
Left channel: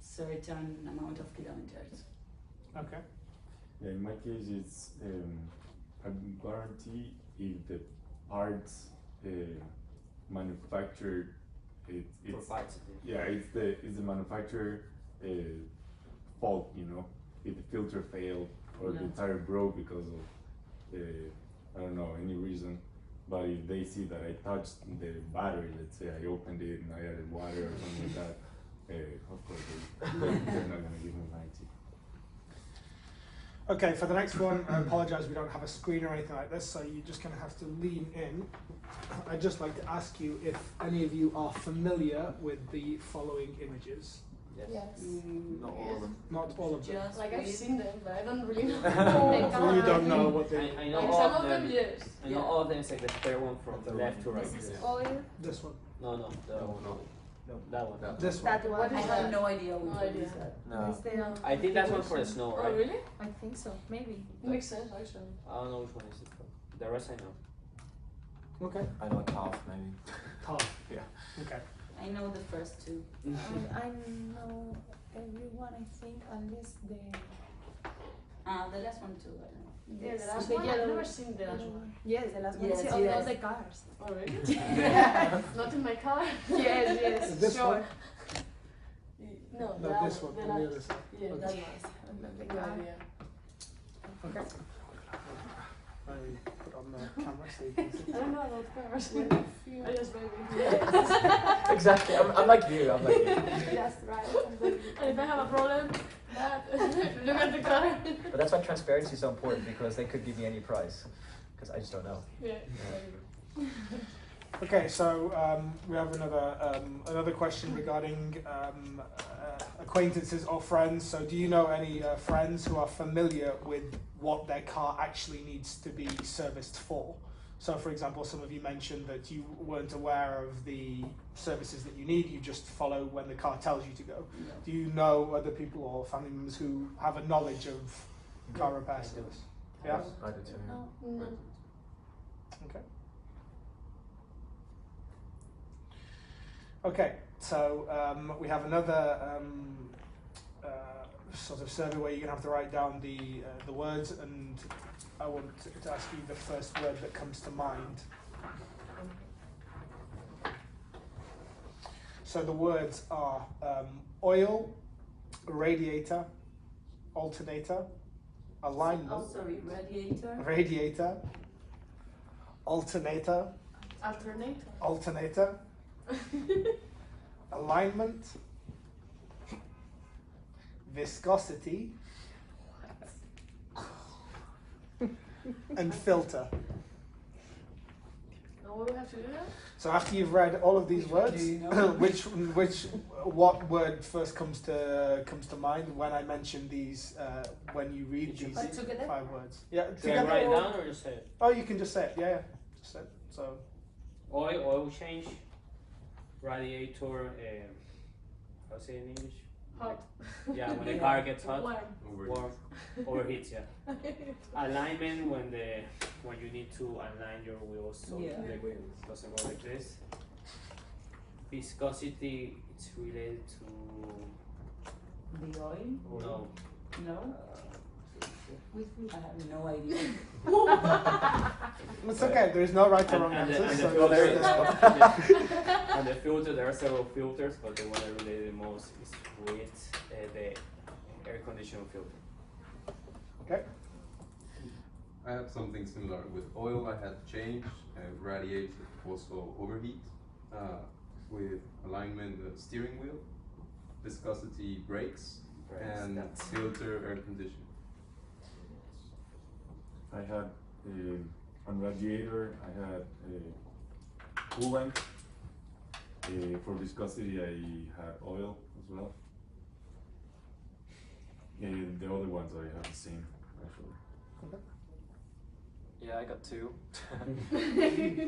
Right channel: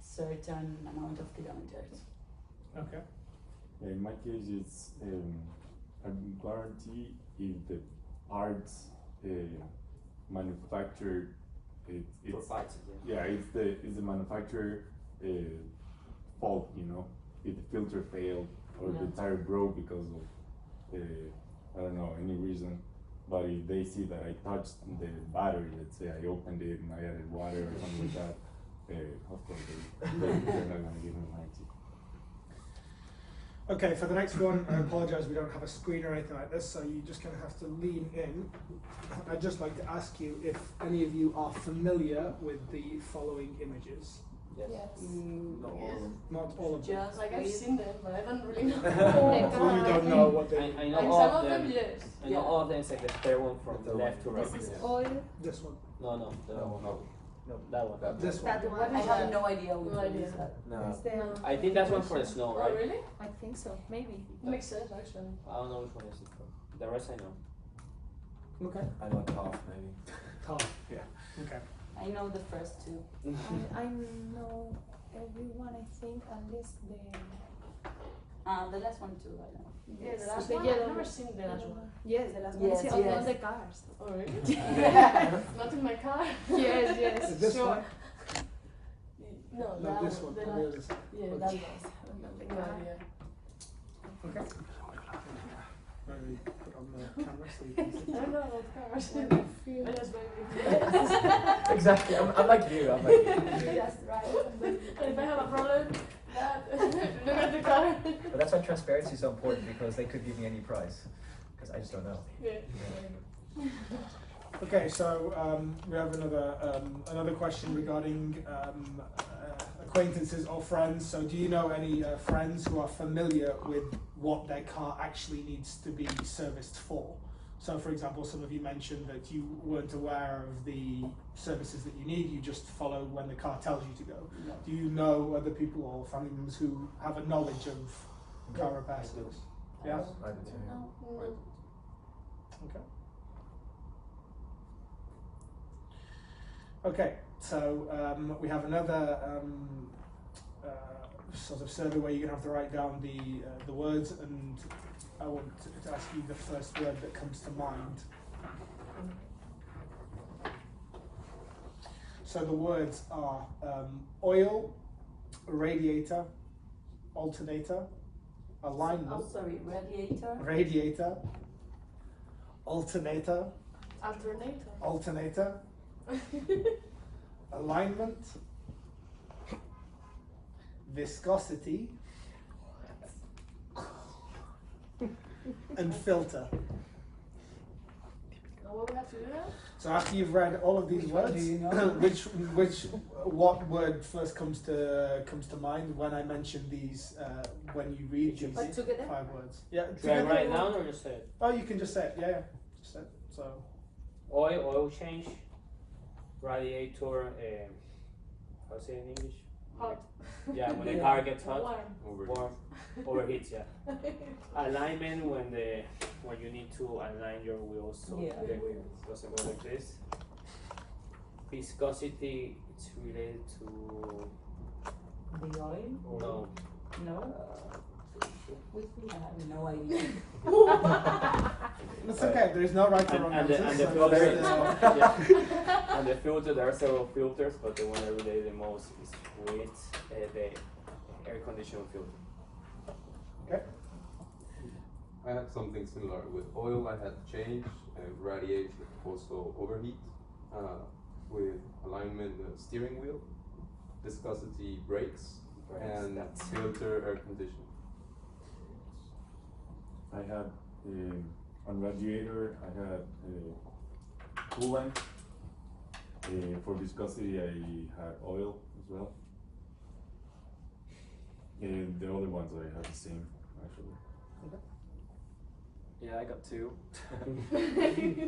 certain amount of kilometers. Okay. Yeah, in my case, it's a guarantee if the parts manufactured. It's Provides it. yeah, it's the manufacturer fault. You know, if the filter failed or the Yeah. tire broke because of I don't know any reason. But if they see that I touched the battery, let's say I opened it and I added water or something like that, of course they're not gonna give me warranty. Okay, for the next one, I apologise we don't have a screen or anything like this, so you're just going to have to lean in. I'd just like to ask you if any of you are familiar with the following images. Yes. Not all of them. Not all of them. Just Like I've with- seen them, but I don't really know. So you don't know what they I Like know all some of of them, them. yes. I know all of them except the third one from The third left one. to right. This is Yeah. oil. This one. No, no, the No, one. no. No, that one. This one. That one. What I is have that? no idea which No one idea. is that. No. Is there? I think that's one for the snow, Oh, right? really? I think so. Maybe. Makes sense, actually. I don't know which one is it for. The rest I know. Okay. I know calf maybe. Calf. Yeah. Okay. I know the first two. I know everyone. I think unless the The last one too, I know. Yeah, the last the one. yellow. I've never seen the last one. Yes, the last one. Yes, Yes, on yes. all the cars. Oh, really? Not in my car. Yes, yes, This sure. one? No, No, that this one. The On the last. other side. Yeah, Okay. that Yes, on the one. car. No idea. Okay. I put on the camera so you can see. I don't know about cars. Oh, yes, baby. Exactly. I'm like you. I'm like you. Just right. And if I have a problem, that look at the car. But that's why transparency is so important because they could give me any price because I just don't know. Yeah. Okay, so we have another question regarding acquaintances or friends. So, do you know any friends who are familiar with what their car actually needs to be serviced for? So, for example, some of you mentioned that you weren't aware of the services that you need. You just follow when the car tells you to go. No. Do you know other people or family members who have a knowledge of car repair I do. service? Yeah. I do too. Yeah. Oh, no. Okay. Okay, so we have another sort of survey where you have to write down the words, and I want to ask you the first word that comes to mind. So the words are oil, radiator, alternator, alignment, Oh, sorry, radiator. radiator, alternator, Alternator. alternator, alignment, viscosity, and filter. Now what do we have to do now? So after you've read all of these Which one words, do you know? what word first comes to mind when I mention these? When you read these But together? 5 words. Yeah. Should I together write it or- down or just say it? Oh, you can just say it. Yeah, just say it. So Oil change, radiator, how to say it in English? Hot. Yeah, when the car gets hot, Warm. warm, overheats, yeah. Alignment when you need to align your wheels so Yeah. the wheel doesn't go like this. Viscosity, it's related to The oil? no. No? I have no idea. it's okay. There is no right or wrong And the answer. So filter, just, yeah. And the filter, there are several filters, but the one I relate the most is with the air conditioner filter. okay. I had something similar with oil. I had change and radiator also overheat. With alignment, the steering wheel, viscosity, brakes, Brakes, and that's- filter, air conditioning. I had on radiator. I had coolant. For viscosity, I had oil as well. And the other ones I had the same actually. Yeah, I got 2.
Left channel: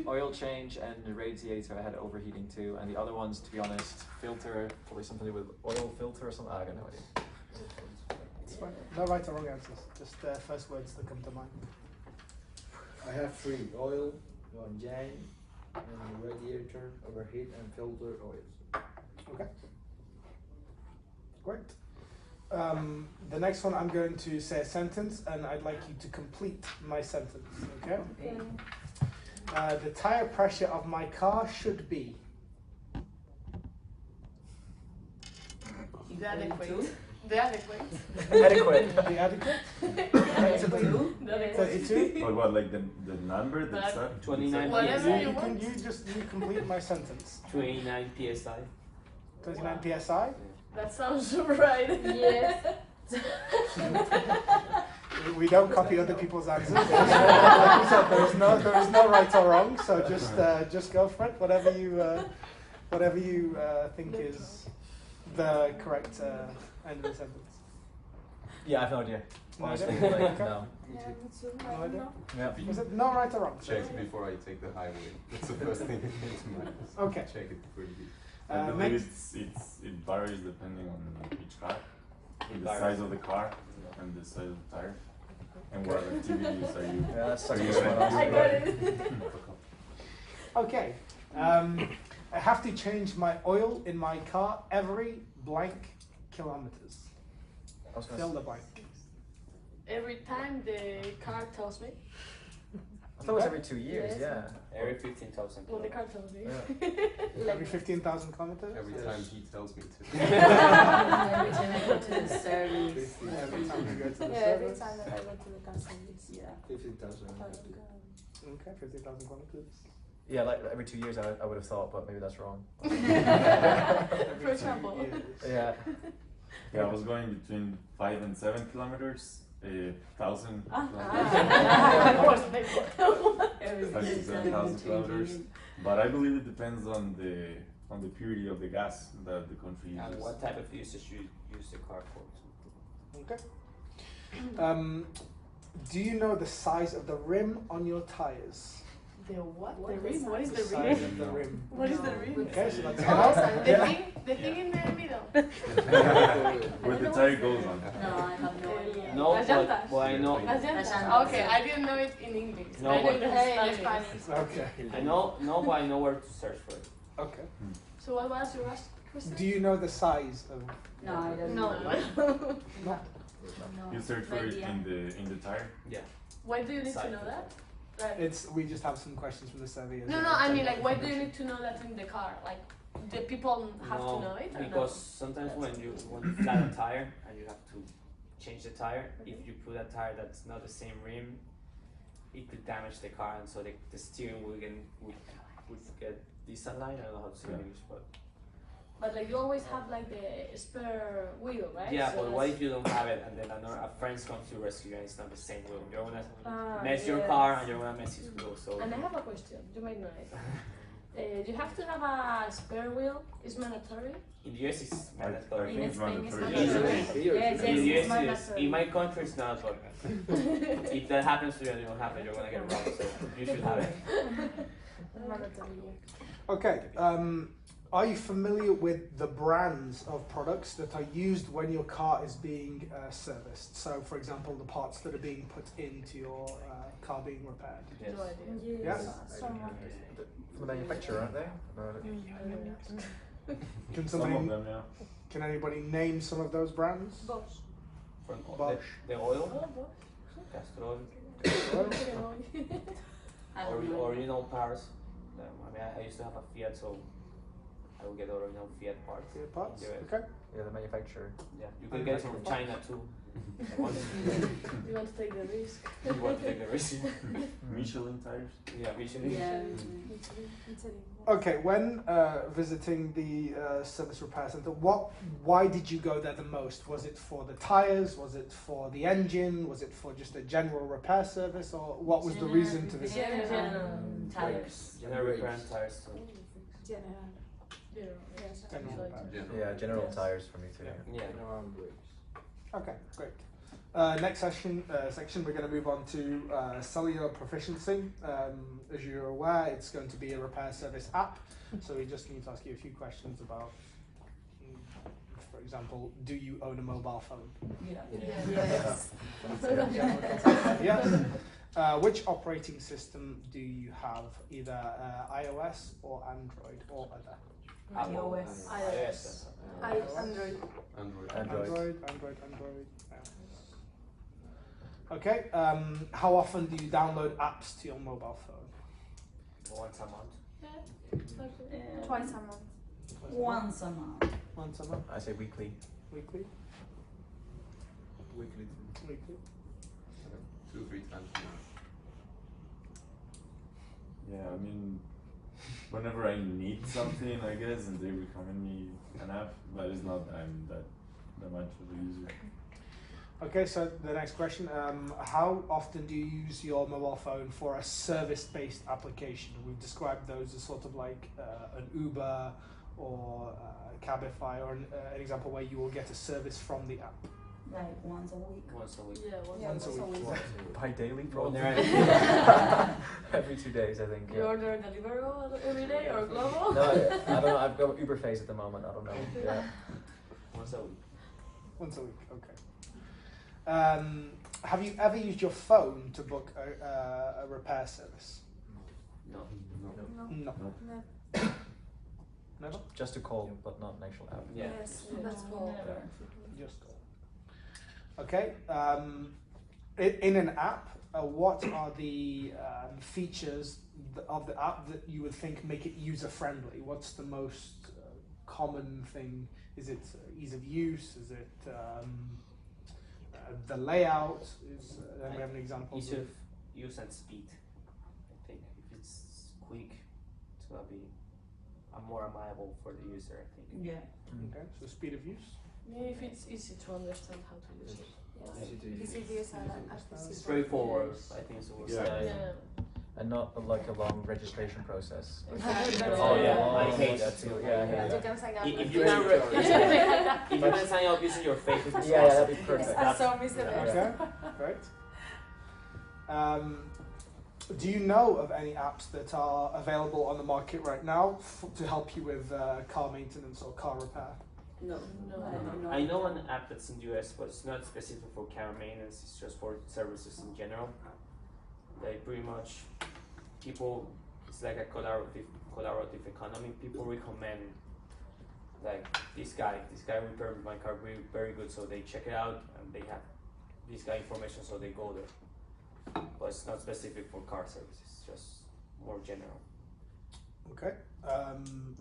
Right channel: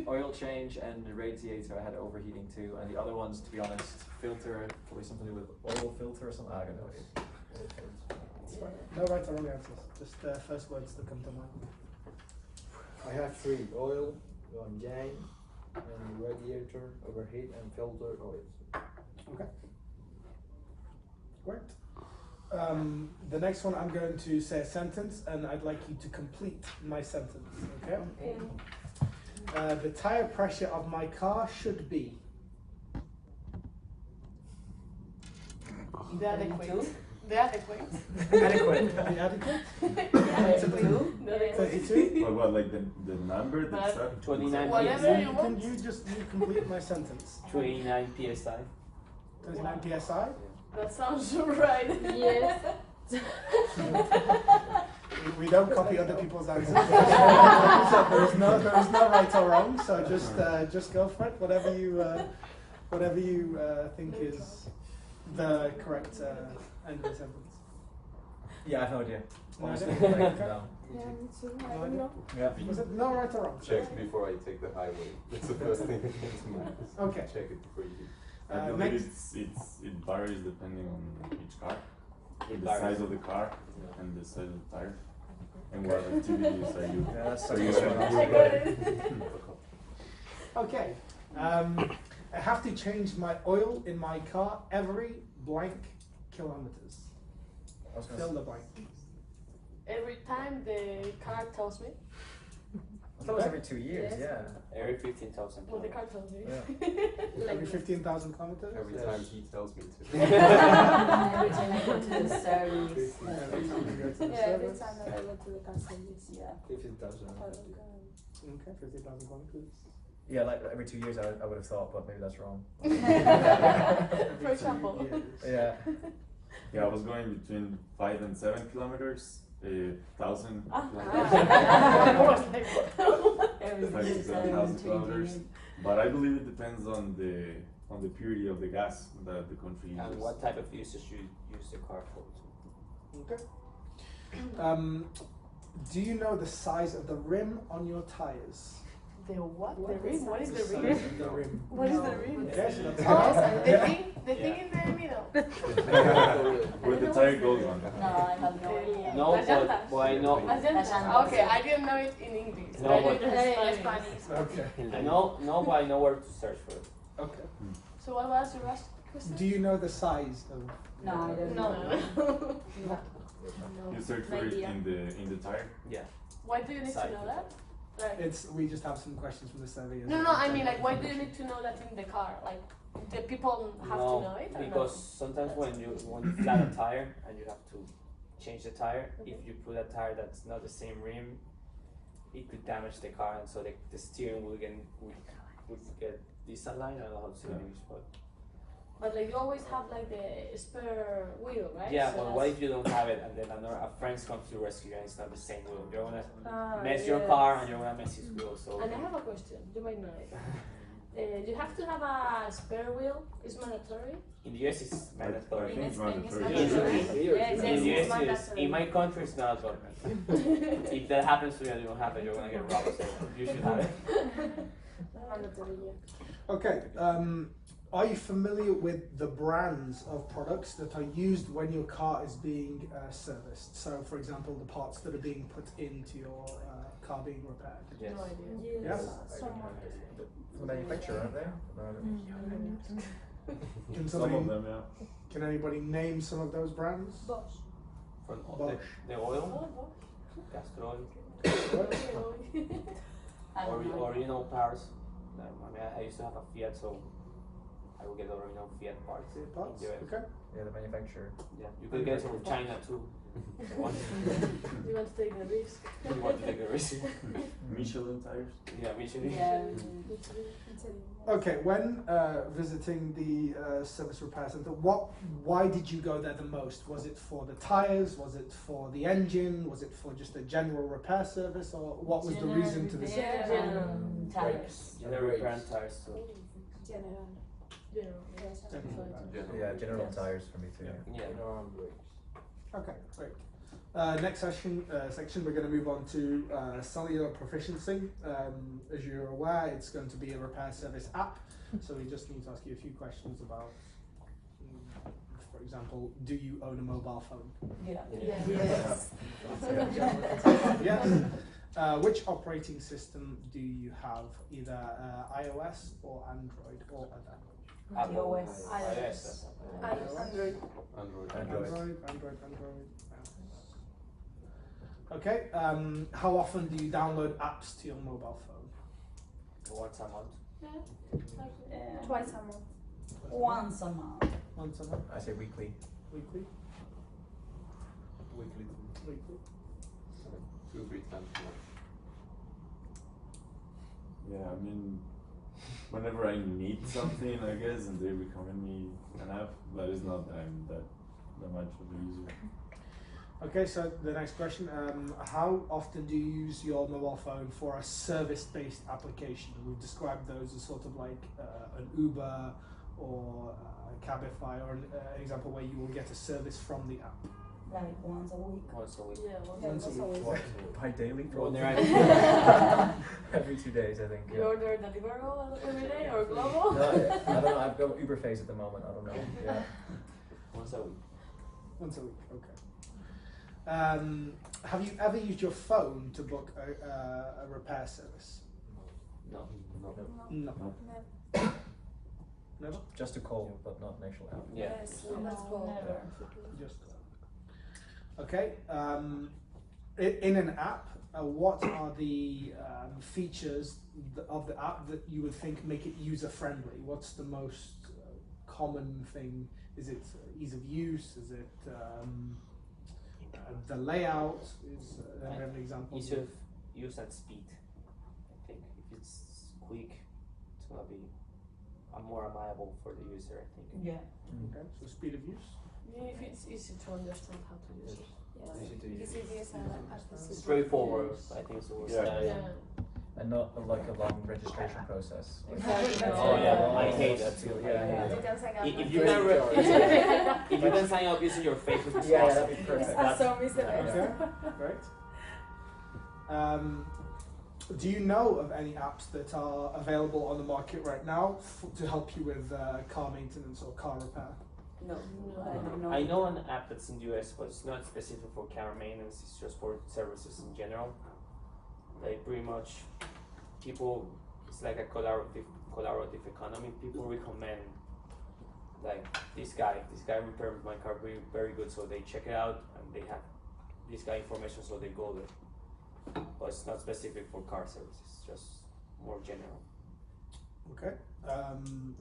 Oil change and the radiator. I had overheating too, and the other ones, to be honest, filter, probably something to do with oil filter or something. I don't know. It's fine. No right or wrong answers. Just the first words that come to mind. I have 3: oil, one jang, and radiator, overheat, and filter oils. Okay. Great. The next one, I'm going to say a sentence, and I'd like you to complete my sentence. Okay. Okay. The tire pressure of my car should be. The adequate. The adequate. Adequate. The adequate. The adequate. 32. But what, like the number that's But that? 29 Whatever you You want. you complete my sentence. 29 psi. 29 psi. That sounds right. Yes. We don't copy other people's answers. Like you said, there is no right or wrong. So just go for it. Whatever you think is the correct end of the sentence? Yeah, I have no idea. Honestly, No. like, no. Yeah, me too. I don't know. Yeah. Was it no right or wrong? Check before I take the highway. That's the first thing that comes to mind. Okay. Check it before you do. I believe next- it varies depending on each car, It the varies. size of the car, and the size of the tire, and what activities are you. Yeah, that's are you useful. gonna do? I got it. Okay. I have to change my oil in my car every blank kilometers. I was gonna Fill say, the blank. Every time the car tells me. I thought it was every 2 years. Yes. Yeah. Every 15,000 Well, the kilometers. car tells me. Yeah. Every 15,000 kilometers. Every Yes. time he tells me to. Every time I go to the service. Every time you go to the Yeah, every service. time that I go to the car service. Yeah. 15,000. Okay, 15,000 kilometers. Yeah, like every 2 years I would have thought, but maybe that's wrong. For example. Yeah. Yeah, I was going between 5 and 7 kilometers, 1,000 I kilometers, was like, what? Every 5 to 7,000 kilometers. But I believe it depends on the purity of the gas that the country uses. And what type of usage you use the car for? Okay. Do you know the size of the rim on your tires? The what? What The rim? is What is The the size rim? of the rim. What is the rim? Okay, so that's Oh, the thing in the middle. Where the tire goes on. No, I have no idea. No, Las but, llantas. but I know. Las llantas. llantas. Okay, I didn't know it in English. No, I but- knew it in Spanish. Okay. I know, but I know where to search for it. Okay. So what was your last question? Do you know the size of? No, I don't No. know. No. You search for it in the tire. Yeah. Why do you need to Size know of that? Like, We just have some questions from the survey. no, I mean like, why do you need to know that in the car? Like, the people have No, to know it or because sometimes when you flat a tire and you have to change the tire, if you put a tire that's not the same rim, it could damage the car, and so the steering wheel would get disaligned. I don't know how to say it in English, but But like, you always have like the spare wheel, right? yeah. So But what if you don't have it, and then a friend comes to rescue you, and it's not the same wheel? You're gonna mess your yes. car, and you're gonna mess his wheel. So And I have a question. You might know it. You have to have a spare wheel. It's mandatory. in the US, it's mandatory. In think Spain, it's mandatory. mandatory. Here, Yes, In the yes, US, it's mandatory. in my country, it's not. But if that happens to you and you don't have it, you're gonna get robbed. So you should have it. Mandatory, yeah. Okay. Are you familiar with the brands of products that are used when your car is being serviced? So, for example, the parts that are being put into your car being repaired. Yes. No idea. Yes. Someone. From the manufacturer, aren't they? About it. Can Some somebody, of them, yeah. Can anybody name some of those brands? Bosch. From Bosch. the oil, Oh, boss. castor oil, I don't know. original cars. I mean, I used to have a Fiat, so I will get original Fiat parts. Your parts? in the US. Okay. Yeah, the manufacturer. Yeah, you could get it from China too. If you want. You want to take the risk. You want to take the risk. Michelin tires. Yeah, Michelin. Yeah. Okay. When visiting the service repair center, why did you go there the most? Was it for the tires? Was it for the engine? Was it for just a general repair service, or what was the reason to this? General tires. Yeah, repair and tires. So. General. Yeah. General. Yeah, general tires for me too. Yeah. Arm brakes. Okay, great. Next section, we're going to move on to cellular proficiency. As you're aware, it's going to be a repair service app, so we just need to ask you a few questions about, for example, do you own a mobile phone? Yeah. Yes. Yes. Which operating system do you have, either iOS or Android or other? Apple. iOS. iOS. Android. Android. Android. Okay. How often do you download apps to your mobile phone? Once a month. Twice a month. Once a month. Once a month. I say weekly. Weekly. Weekly. Weekly. 2-3 times a month. Yeah, I mean, whenever I need something, I guess, and they recommend me an app, but it's not that I'm that much of a user. Okay, so the next question, how often do you use your mobile phone for a service-based application? We've described those as sort of like an Uber or Cabify, or an example where you will get a service from the app? Like once a week. Once a week. Yeah, Once a week. By daily, Well, probably. they're Every 2 days, I think. You Yeah. order Deliveroo every day or Glovo? No, I don't know. I've got Uber phase at the moment. I don't know. Yeah. once a week. Once a week, okay. Have you ever used your phone to book a repair service? No. No. Never? Just to call, but not an actual app. Yeah. Yes, that's cool. Never. Just okay. In an app, what are the features of the app that you would think make it user friendly? What's the most common thing? Is it ease of use? Is it the layout? Is do you have an example? Ease of use and speed. I think if it's quick, it's gonna be more amiable for the user. I think. Yeah. Okay, so speed of use. If it's easy to understand how to use it. Easy to use. Easy to use and accessible. Straightforward. I think so. Yeah. And not like a long registration process. Exactly. Oh yeah, I hate that too. too. Yeah. You can sign up. If for you free. can, if you can sign up using your Facebook, it's Yeah, awesome. that'd be perfect. That's so miss the best. Okay, great. Do you know of any apps that are available on the market right now to help you with car maintenance or car repair? No. No. I don't know. I know an app that's in the US, but it's not specific for car maintenance. It's just for services in general. Like pretty much, people. It's like a collaborative economy. People recommend, like this guy repaired my car very good. So they check it out and they have this guy information, so they go there. But it's not specific for car services. It's just more general. Okay.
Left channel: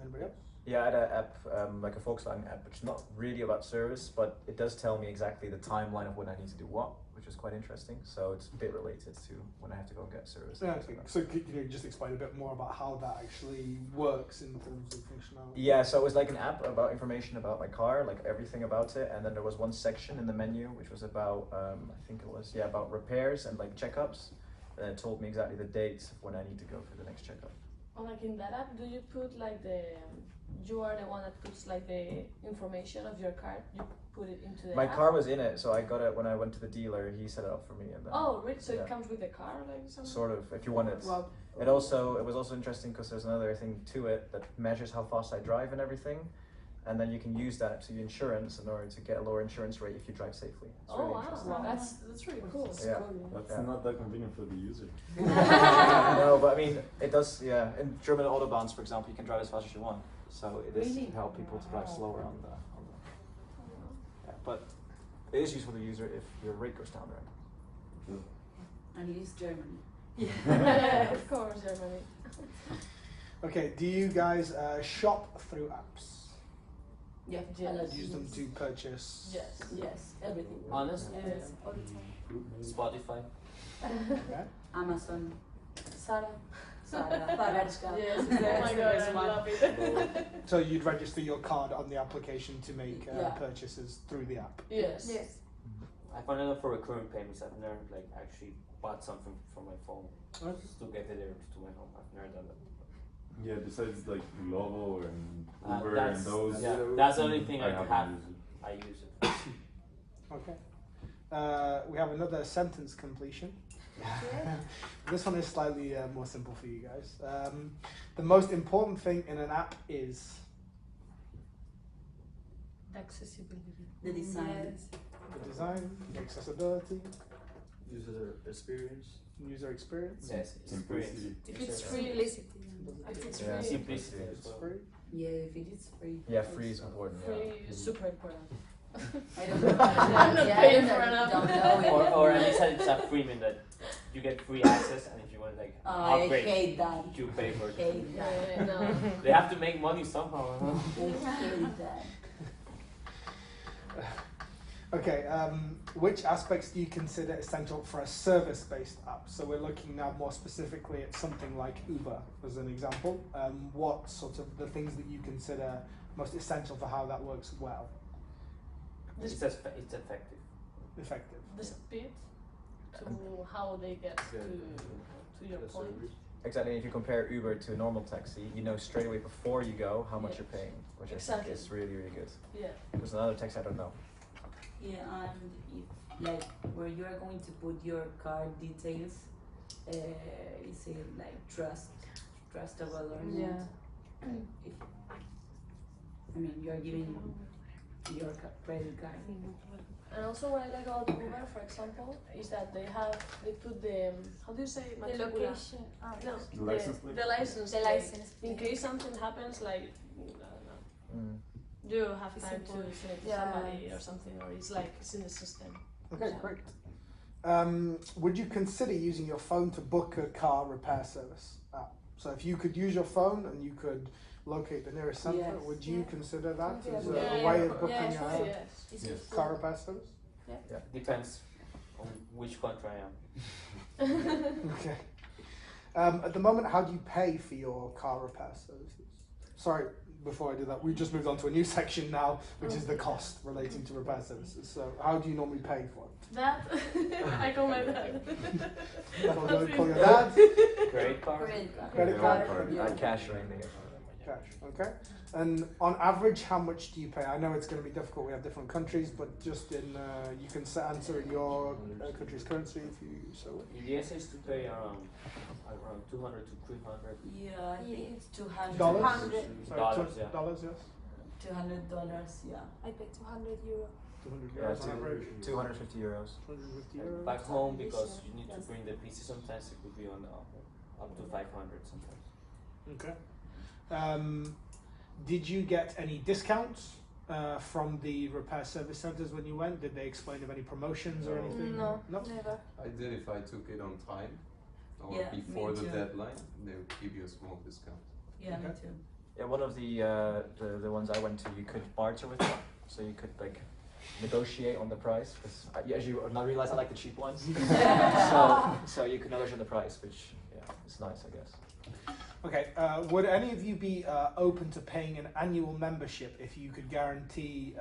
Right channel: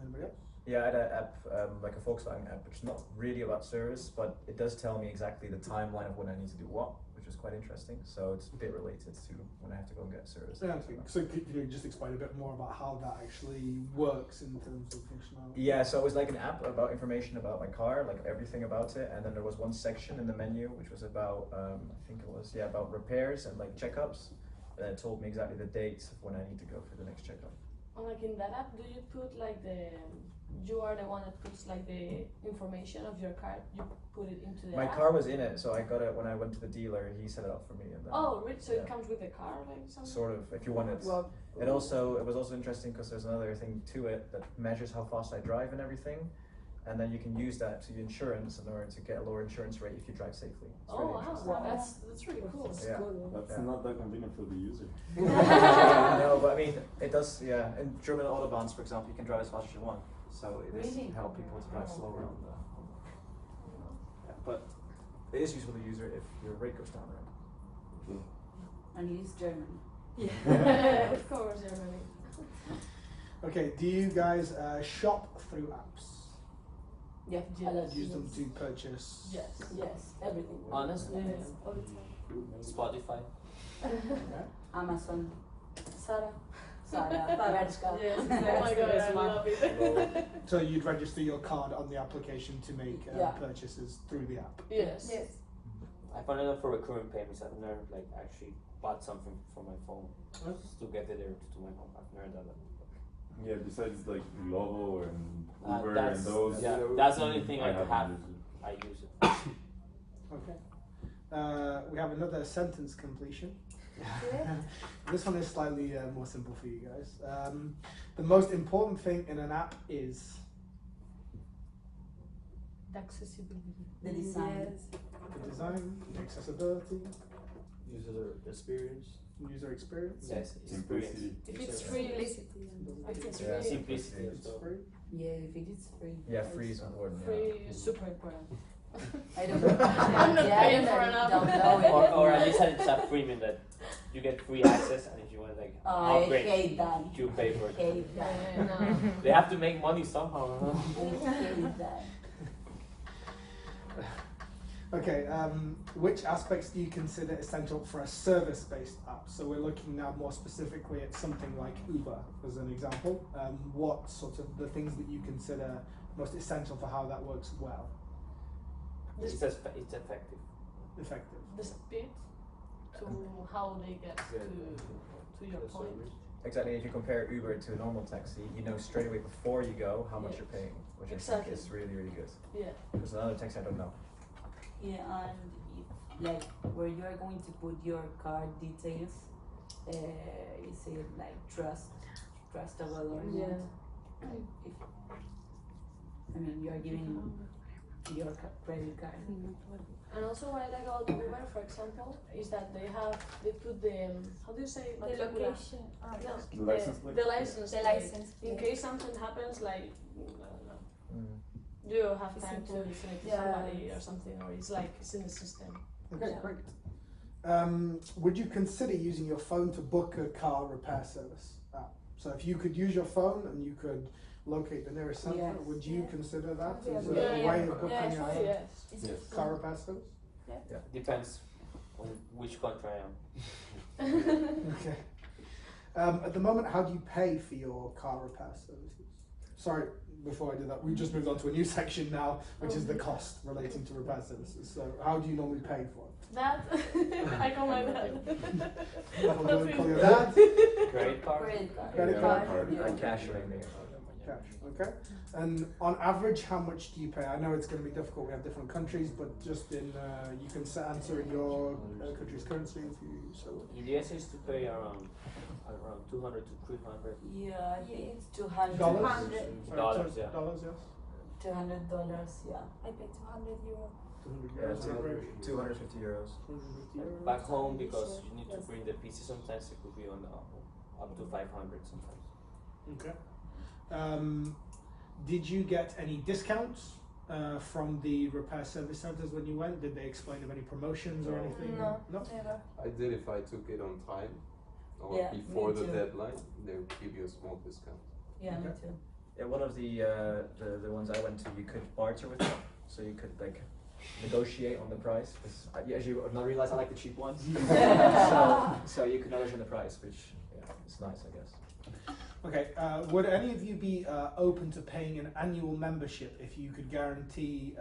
Anybody else? Yeah, I had an app, like a Volkswagen app, which is not really about service, but it does tell me exactly the timeline of when I need to do what, which is quite interesting. So it's a bit related to when I have to go and get service. Okay. So can you just explain a bit more about how that actually works in terms of functionality? Yeah, so it was like an app about information about my car, like everything about it, and then there was one section in the menu which was about, I think it was, about repairs and like checkups, and it told me exactly the dates of when I need to go for the next checkup. Or like in that app, do you put like you are the one that puts like the information of your car, you put it into the My app? car was in it, so I got it when I went to the dealer, he set it up for me. And then, Oh, really? So yeah. it comes with the car, like something? Sort of, if you want it. Wow. It was also interesting because there's another thing to it that measures how fast I drive and everything, and then you can use that to your insurance in order to get a lower insurance rate if you drive safely. It's Oh really wow, interesting. that's really cool. Yeah. That's Yeah. not that convenient for the user. No, but I mean, it does, in German autobahns, for example, you can drive as fast as you want. So it is Really? to help people to drive slower on the yeah, but it is useful to the user if your rate goes down, right? And it is German. Yeah, of course, Germany. Okay. Do you guys shop through apps? Yeah. Yes. Use them to purchase? Yes. Yes. Everything. Honestly, Yes. All the time. Spotify. Yeah. Amazon. Sarah. Sarah. Pareczka. Yes, oh my god, I love it. So you'd register your card on the application to make Yeah. purchases through the app. Yes. Yes. I found out for recurring payments. I've never like actually bought something from my phone Okay. just to get it there to my home. I've never done that. Yeah, besides like Glovo and Uber That's- and those. yeah, that's the only thing I haven't have. used it. I use it. Okay. We have another sentence completion. Okay. This one is slightly more simple for you guys. The most important thing in an app is The accessibility. The design. Yes. the design, the accessibility, User experience. user experience. Yes, Simplicity. If it's Experience. free, Simplicity. if it's Yeah. free, Simplicity as It's well. free. Yeah, if it is free. Yeah, free is important. Yeah. free is super important. I don't know. I'm not Yeah, paying I for an app. don't know it. Or at least it's a premium that you get free access, and if you want like I upgrade, hate that. you pay for it. Hate that. Yeah, no. They have to make money somehow. Huh? I hate that. Okay, which aspects do you consider essential for a service-based app? So we're looking now more specifically at something like Uber as an example. What sort of the things that you consider most essential for how that works well, It's effective. effective? The speed to how they get to your point. Exactly. If you compare Uber to a normal taxi, you know straight away before you go how much Yes. you're paying, which I Exactly. think is really, really good. Yeah. Because another taxi, I don't know. Yeah, and if, like where you are going to put your card details, is it like trustable or Yeah. not? Like if, I mean, you are giving your credit card. And also what I like about Uber, for example, is that they put the how do you say The matricula? location. No, The license plate? the license. The plate. license In plate. case something happens, like I don't know, Mm. do you have It's time to important. say to Yeah. somebody or something, or it's like it's in the system. Okay, Yeah. great. Would you consider using your phone to book a car repair service app? So if you could use your phone and you could locate the nearest centre, Yes. would you Yeah. consider that Yeah, as yeah, a yeah. way of booking Yeah, Actually, a yes. It's Yes. useful. car repair service? Depends on which country I am. Okay. At the moment, how do you pay for your car repair services? Sorry, before I do that, we just moved on to a new section now, which is the cost relating to repair services. So how do you normally pay for it? That I call my dad. Call your dad? Credit card? Credit card. Credit Yeah, card? Cash mainly. Cash, okay. And on average, how much do you pay? I know it's going to be difficult. We have different countries, but just in you can answer in your country's currency if you so. In the US, I used to pay around 200 to 300 Yeah, I think it's $200. Dollars? Dollars, yeah. Dollars, yes. $200, yeah. I paid €200. 200 Yeah, euros on average. 250 euros. 250 euros. Back home, because you need to bring the pieces, sometimes it could be on up to 500 sometimes. Okay. Did you get any discounts from the repair service centres when you went? Did they explain of any promotions or No. anything? No, No. never. I did if I took it on time or Yeah, before me the too. deadline, they would give you a small discount. Yeah, me Okay. too. Yeah, one of the ones I went to, you could barter with them, so you could like negotiate on the price. Because as you now realize, I like the cheap ones. so you could negotiate on the price, which is nice, I guess. Okay. Would any of you be open to paying an annual membership if you could guarantee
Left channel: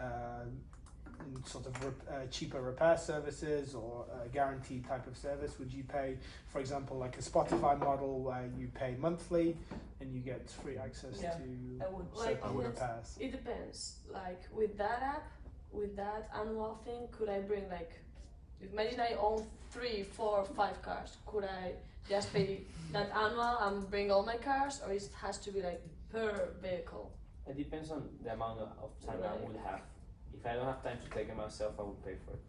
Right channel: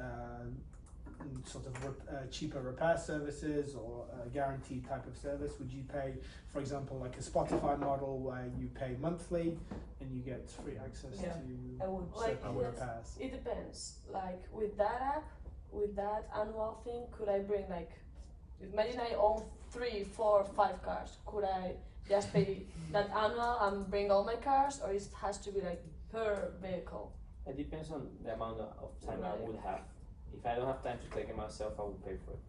sort of cheaper repair services or a guaranteed type of service? Would you pay, for example, like a Spotify model where you pay monthly and you get free access Yeah, to I would. Like, certain yes. repairs? It depends. Like with that app, with that annual thing, could I bring like, imagine I own 3, 4, 5 cars. Could I just pay that annual and bring all my cars, or it has to be like per vehicle? It depends on the amount of time I would have. If I don't have time to take it myself, I would pay for it.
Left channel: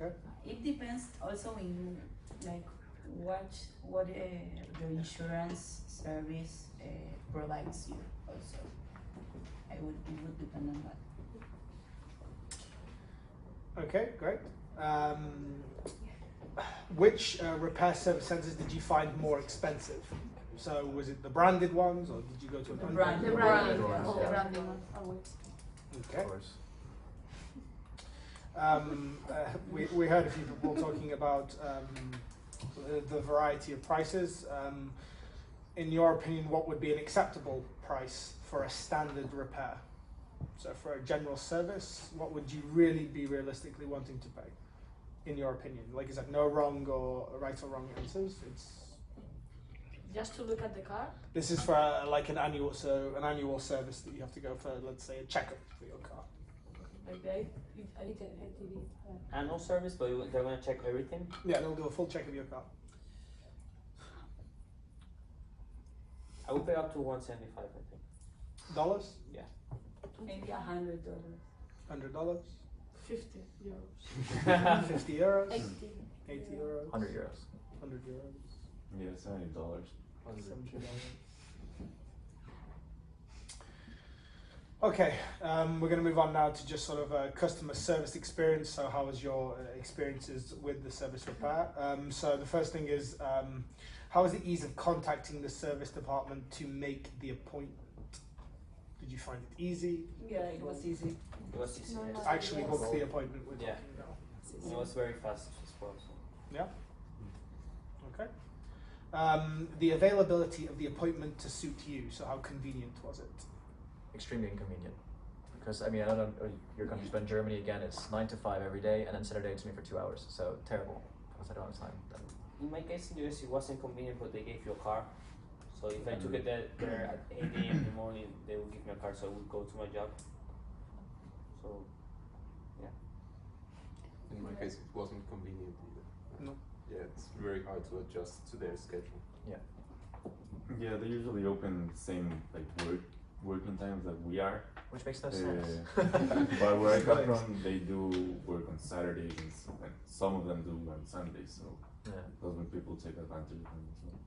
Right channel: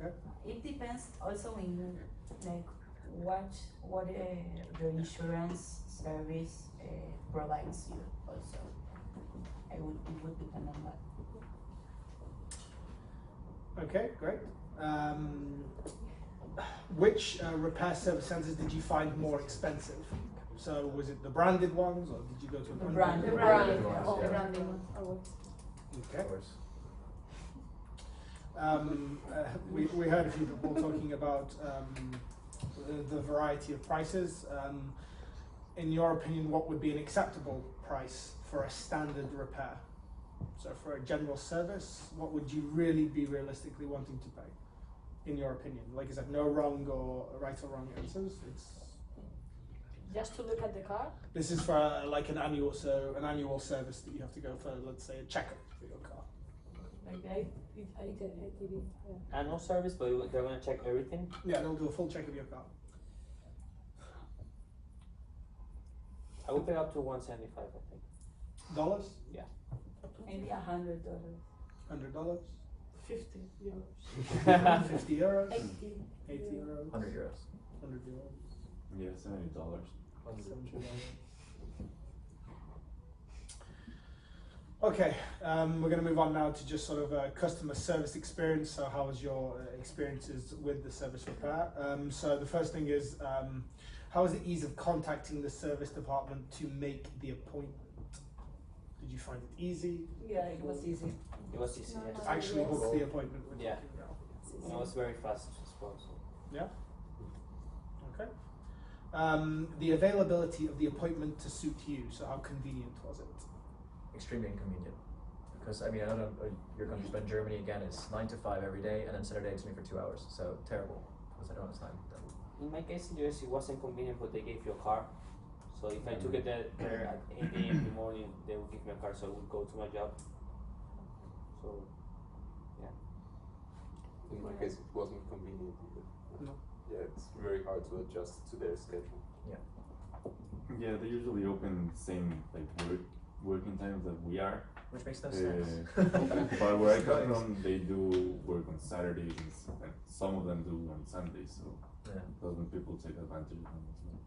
Okay. It depends also in like what your insurance service provides you also. It would depend on that. Okay, great. Which repair service centres did you find more expensive? So was it the branded ones, or did you go to The a brand- The The branding. branding ones, The yeah. branding one, always. Okay. Of course. We heard a few people talking about the variety of prices. In your opinion, what would be an acceptable price for a standard repair? So for a general service, what would you really be realistically wanting to pay, in your opinion? Like I said, no wrong or right or wrong answers. It's Just to look at the car? this is for like an annual service that you have to go for, let's say, a checkup for your car. Like ITV. Annual service, but they're gonna check everything. Yeah, they'll do a full check of your car. I would pay up to 175, I think. Dollars? Maybe $100. $100? 50 euros. 50 euros? 80. 80 euros? 100 euros. 100 euros? Yeah, $70. Okay, we're going to move on now to just sort of customer service experience. So how was your experiences with the service repair? So the first thing is, how was the ease of contacting the service department to make the appointment? Did you find it easy? Yeah, it was easy. It was easy. No, yes. no, Actually Yes. book the appointment with Yeah. you? It was very fast as well. So. Okay. The availability of the appointment to suit you. So how convenient was it? Extremely inconvenient. Because I mean, I don't know your country's, but in Germany again, it's 9 to 5 every day, and then Saturday it's me for 2 hours. So terrible. Because I don't have time. in my case in US it wasn't convenient, but they gave you a car. So if I took it there at 8 a.m. in the morning, they would give me a car, so I would go to my job. So yeah. In my case, it wasn't convenient either. No. Yeah, it's very hard to adjust to their schedule. Yeah, they usually open the same like working times that we are. Which makes no sense. But where I come from, they do work on Saturdays and some of them do on Sundays. So Yeah. those when people take advantage of them as well.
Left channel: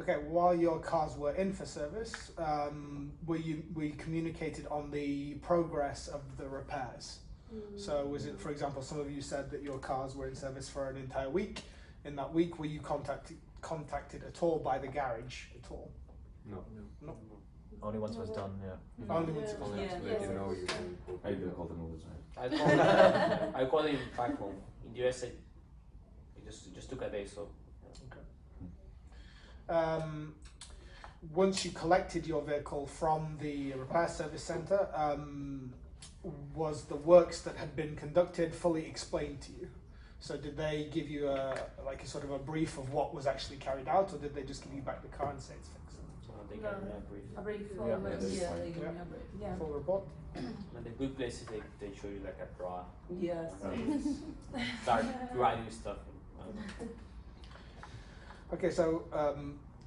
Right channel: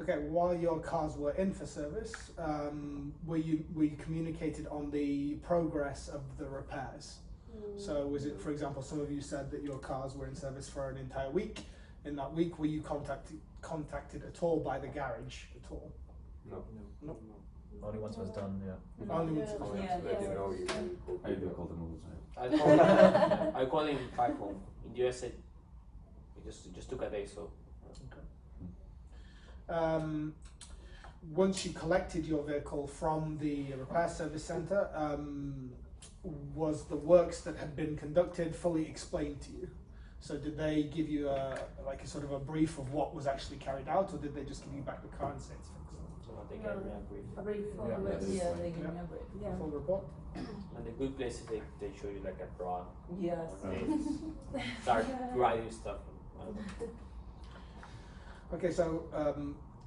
Okay, while your cars were in for service, we communicated on the progress of the repairs. So was it, for example, some of you said that your cars were in service for an entire week. In that week, were you contacted at all by the garage at all? No. No. Only once it was done, yeah. Only Yeah. once it was Only Yeah. to let you know you can go. I do call them all the time. I called him back home. In the US, it just took a day, so. Once you collected your vehicle from the repair service centre, was the works that had been conducted fully explained to you? So did they give you a sort of a brief of what was actually carried out, or did they just give you back the car and say it's fixed? So they gave me a brief. A brief Yeah. full list. Yeah, they give me a break. Yeah. Full report? And the good place is they show you like a draw. Yes. They start writing stuff. Okay, so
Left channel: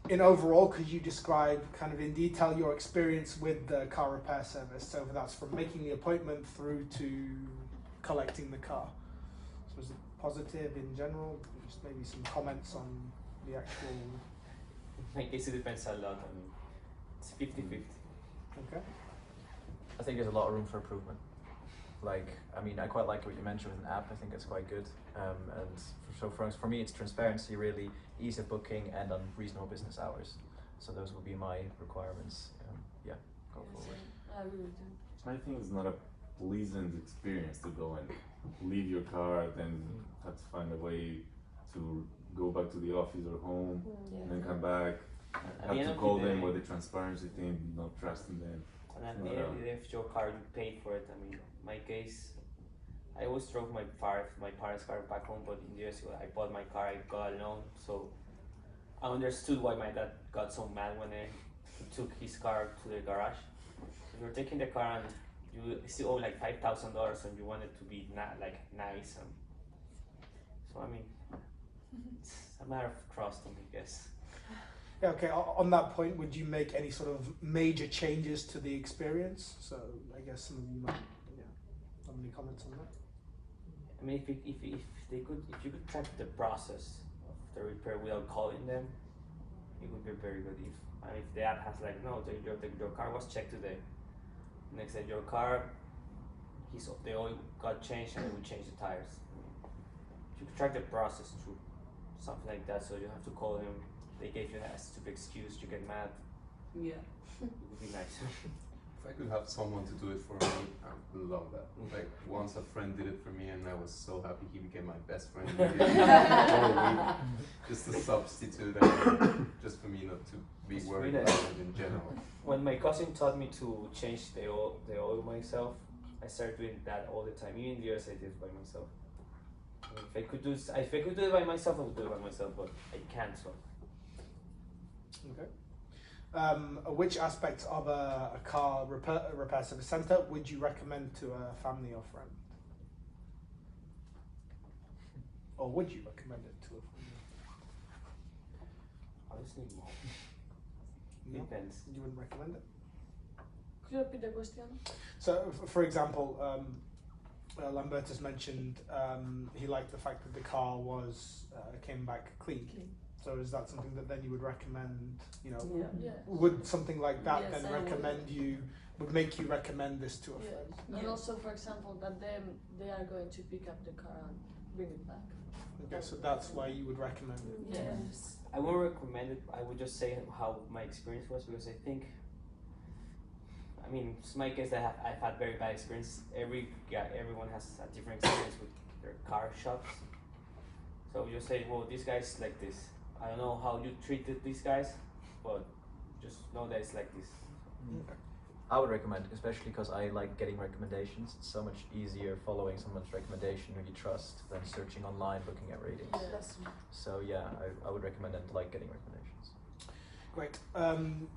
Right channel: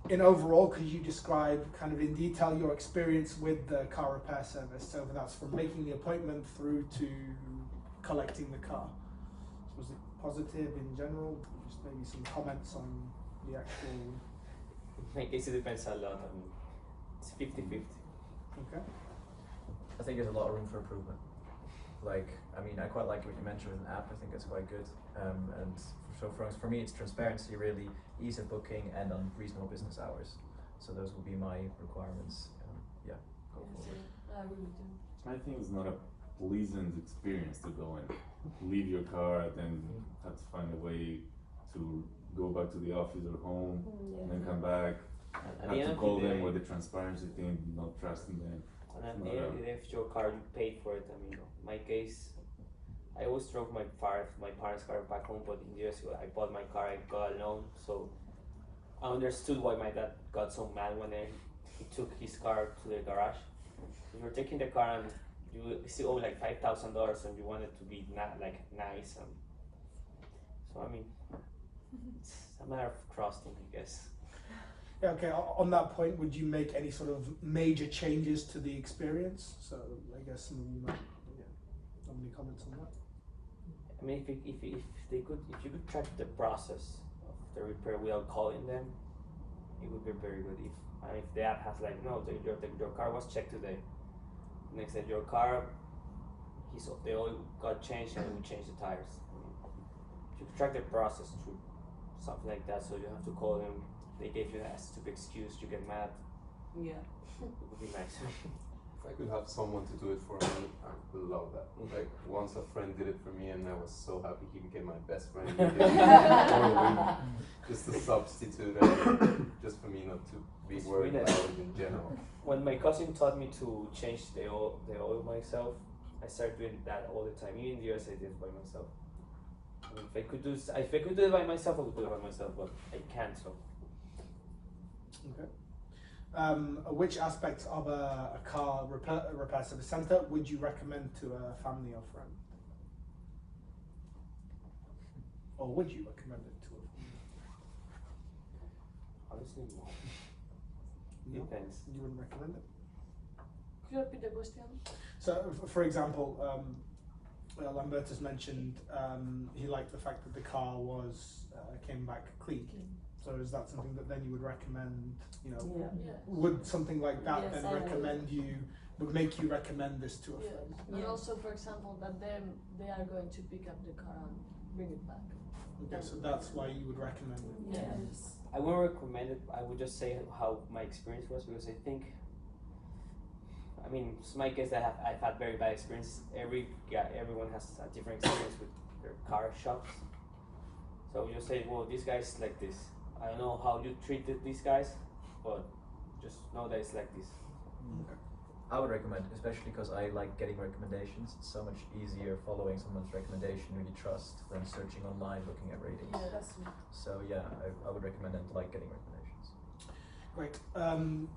in overall, could you describe kind of in detail your experience with the car repair service? So that's from making the appointment through to collecting the car. So was it positive in general? Just maybe some comments on the actual. In my case, it depends a lot. I mean, it's 50-50. Okay. I think there's a lot of room for improvement. Like, I mean, I quite like what you mentioned with an app. I think it's quite good. And so for me, it's transparency, really, ease of booking, and on reasonable business hours. So those would be my requirements. Yeah, go forward. I really do. I think it's not a pleasant experience to go and leave your car, then have to find a way to go back to the office or home, Yeah. and then come back, At have the end to of call the them day, with the transparency thing, not trusting them. and at It's the not end a- of the day, if your car, you paid for it. I mean, my case, I always drove my parents' car back home, but in the US, I bought my car, I got a loan, so I understood why my dad got so mad when I took his car to the garage. So you're taking the car and you still owe like $5,000, and you want it to be nice, and so I mean, it's a matter of trusting, I guess. Yeah, okay, on that point, would you make any sort of major changes to the experience? So I guess some of you might have any comments on that? I mean, if you could track the process of the repair without calling them, it would be very good. If the app has like, no, your car was checked today. Next day, your car, the oil got changed and we changed the tires. I mean, if you could track the process through something like that, so you have to call them. They gave you a stupid excuse, you get mad. Yeah. It would be nice. If I could have someone to do it for me, I would love that. Like once a friend did it for me, and I was so happy he became my best friend. He did it for a week, just a substitute, just for me not to be It's worried really about nice. it in general. When my cousin taught me to change the oil myself, I started doing that all the time. Even in the US, I did it by myself. I mean, if I could do it by myself, I would do it by myself, but I can't. So Okay. Which aspects of a car repair service centre would you recommend to a family or friend? Or would you recommend it to a family? honestly, no. No? Depends. You wouldn't recommend it? Could you repeat the question? So, for example, Lambertus mentioned he liked the fact that the car was came back clean. So is that something that then you would recommend? You know, Yeah. Yes. would something like that Yes, then I would. would make you recommend this to a Yes. friend? And Yeah. also, for example, that they are going to pick up the car and bring it back. Okay, so that's why you would recommend it. Yes. I won't recommend it. I would just say how my experience was, because I think, I mean, it's my case that I've had very bad experience. Everyone has a different experience with their car shops. So I would just say, well, this guy's like this. I don't know how you treated these guys, but just know that it's like this. I would recommend, especially because I like getting recommendations. It's so much easier following someone's recommendation who you trust than searching online looking at ratings. Yeah. That's true. So yeah, I would recommend and like getting recommendations. Great.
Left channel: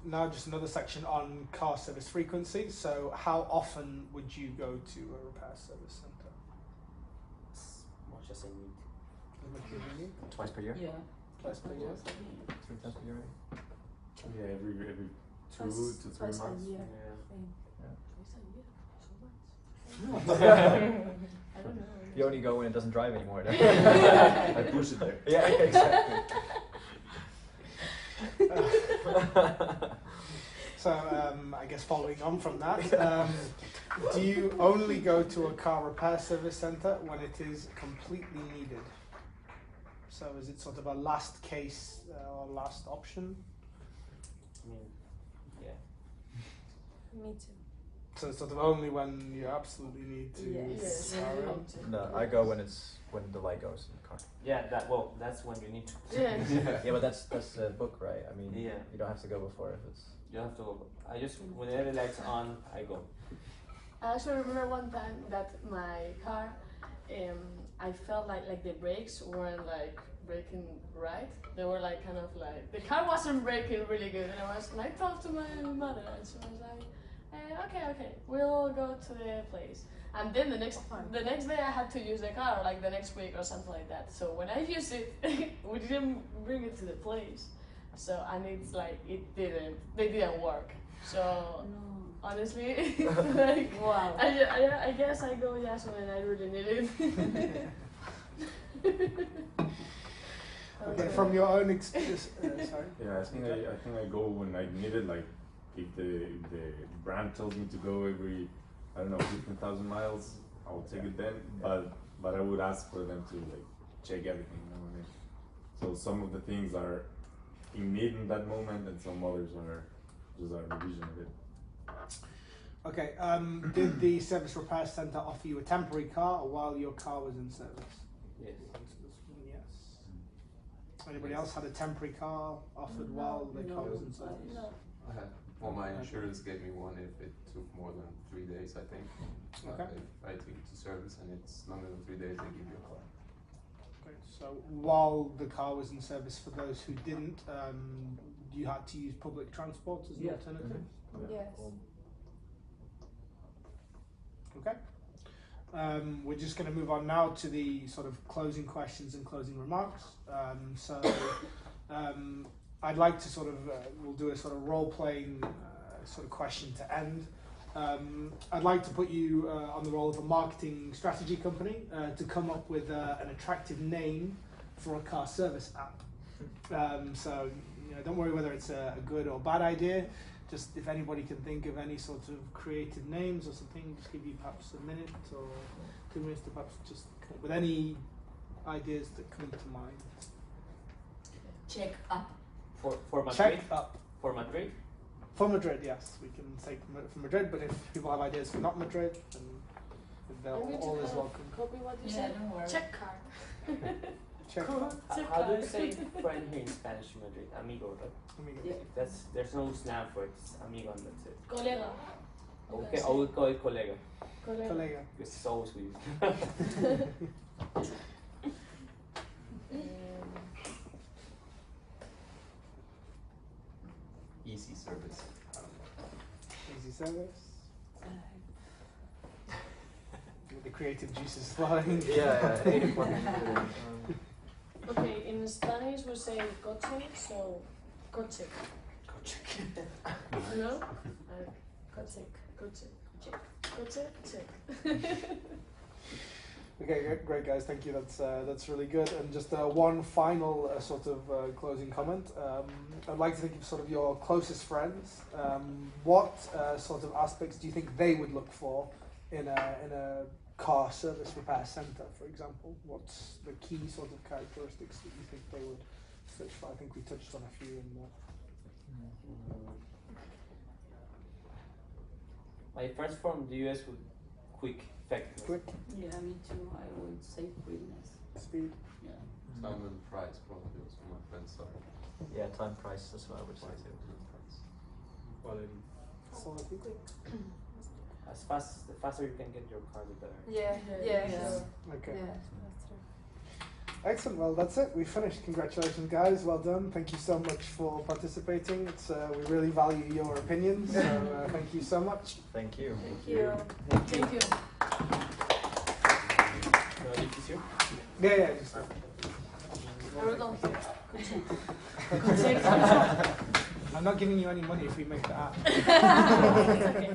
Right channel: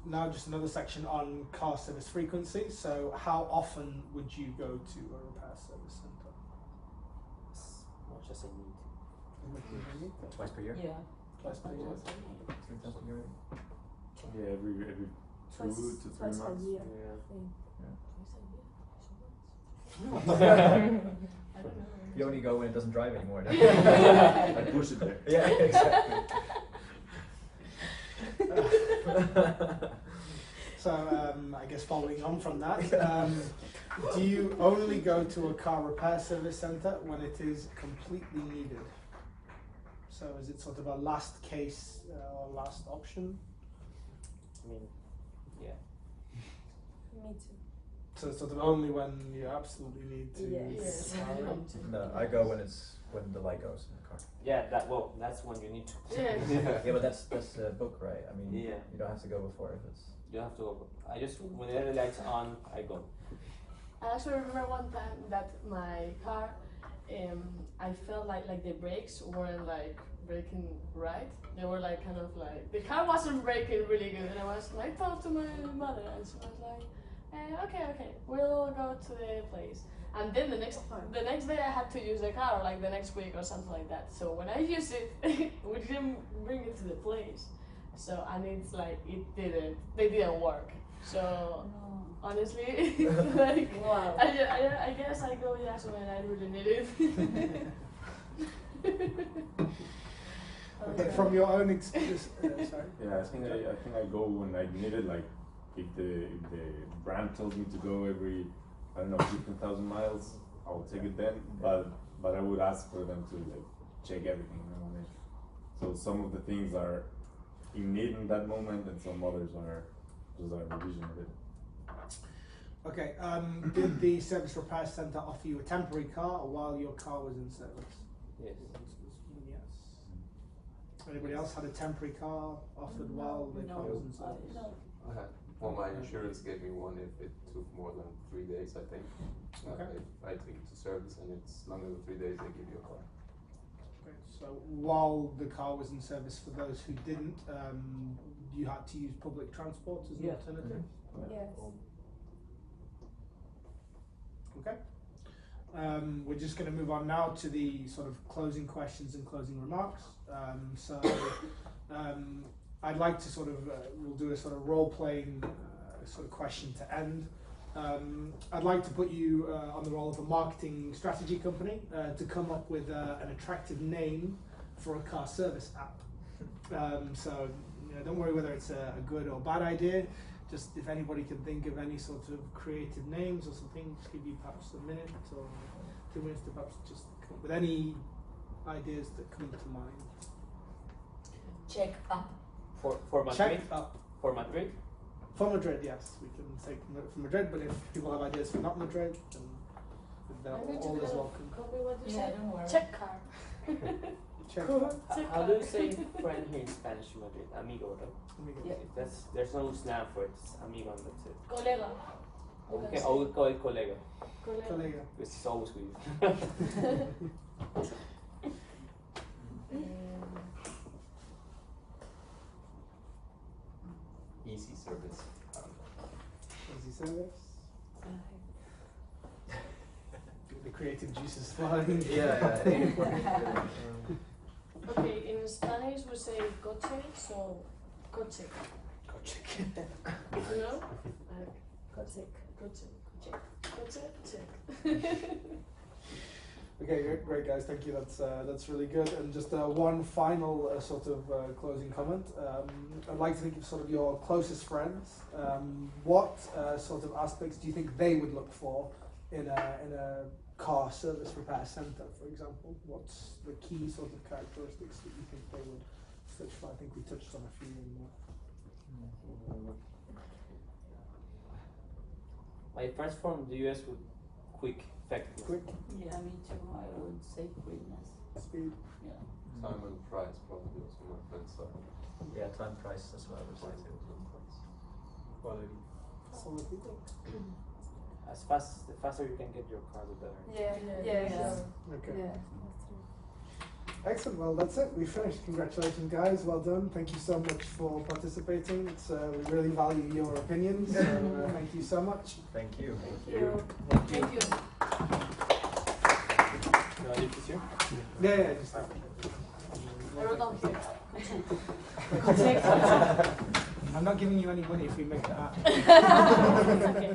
Now just another section on car service frequency. So how often would you go to a repair service centre? As much as I need. Twice per year? Yeah. Twice per year. 3 times per year? Yeah, every 2 Twice- to 3 twice a months. year. Twice a year. So much. I don't know. You only go when it doesn't drive anymore. Then. I push it there. Yeah, exactly. So I guess following on from that, do you only go to a car repair service centre when it is completely needed? So is it sort of a last case or last option? I mean, yeah. Me too. So it's sort of only when you absolutely need to. Yes. Yes, when you need to. No, I go when the light goes in the car. Yeah, that's when you need to. Yeah. Yeah, but that's the book, right? I mean, Yeah. you don't have to go before if it's. You have to go. I just when the lights on, I go. I actually remember one time that my car, I felt like the brakes weren't like braking right. They were like kind of like the car wasn't braking really good, and I talked to my mother, and she was like, okay, we'll go to the place. And then the next day I had to use the car, like the next week or something like that. So when I used it, we didn't bring it to the place. So and it's like they didn't work. So No. honestly, like Wow. I guess I go yes when I really need it. But from your own experience, sorry. Yeah, I think I go when I need it. Like if the brand tells me to go every 15,000 miles, I will take it then. But I would ask for them to like check everything. You know what I mean? So some of the things are in need in that moment, and some others are just a revision of it. Okay. Did the service repair centre offer you a temporary car while your car was in service? Yes. Yes. Anybody else had a temporary car offered while the car was in service? No. I had, well, my insurance gave me one if it took more than 3 days, I think. Okay. If I take it to service and it's longer than 3 days, they give you a car. Okay, so while the car was in service, for those who didn't, you had to use public transport as an Yeah. alternative? Yes. Okay. We're just going to move on now to the sort of closing questions and closing remarks. I'd like to sort of, we'll do a sort of role-playing sort of question to end. I'd like to put you on the role of a marketing strategy company to come up with an attractive name for a car service app. So don't worry whether it's a good or bad idea. Just if anybody can think of any sort of creative names or something, just give you perhaps a minute or 2 minutes to perhaps just come up with any ideas that come to mind. Check up. For Madrid. Check up. For Madrid. For Madrid, yes, we can take from Madrid, but if people have ideas for not Madrid, then they're I'm going to always kind of welcome. copy what you Yeah, said. don't worry. Check car. Check Cool. up. Check How do you car. say friend here in Spanish, Madrid? Amigo, right? Let me get Yeah. it. There's no slang for it. It's amigo, and that's it. Colega. Okay, I will call it colega. Colega. Colega. Because it's always with Easy service. I don't know. Easy service. The creative juices flowing. Okay, in Spanish we say coche, so coche. Coche. You know? Like coche, coche, coche, check. Okay, great guys, thank you. That's really good. And just one final sort of closing comment. I'd like to think of sort of your closest friends. What sort of aspects do you think they would look for in a car service repair centre, for example? What's the key sort of characteristics that you think they would search for? I think we touched on a few in there. My friends from the US would quick, effective. Quick, Yeah, me too. I would say quickness. speed. Yeah. Time and price probably also my friends are Yeah, time price, that's what I would say quite too. good price. Quality. or if you think? The faster you can get your car, the better. Yeah, Okay. yeah. Excellent. Well, that's it. We finished. Congratulations, guys. Well done. Thank you so much for participating. It's we really value your opinions. So, thank you so much. Thank you. Thank you. Thank you. Do I leave this here? Yeah. Just, I wrote down here. I'm not giving you any money if you make that up. It's okay.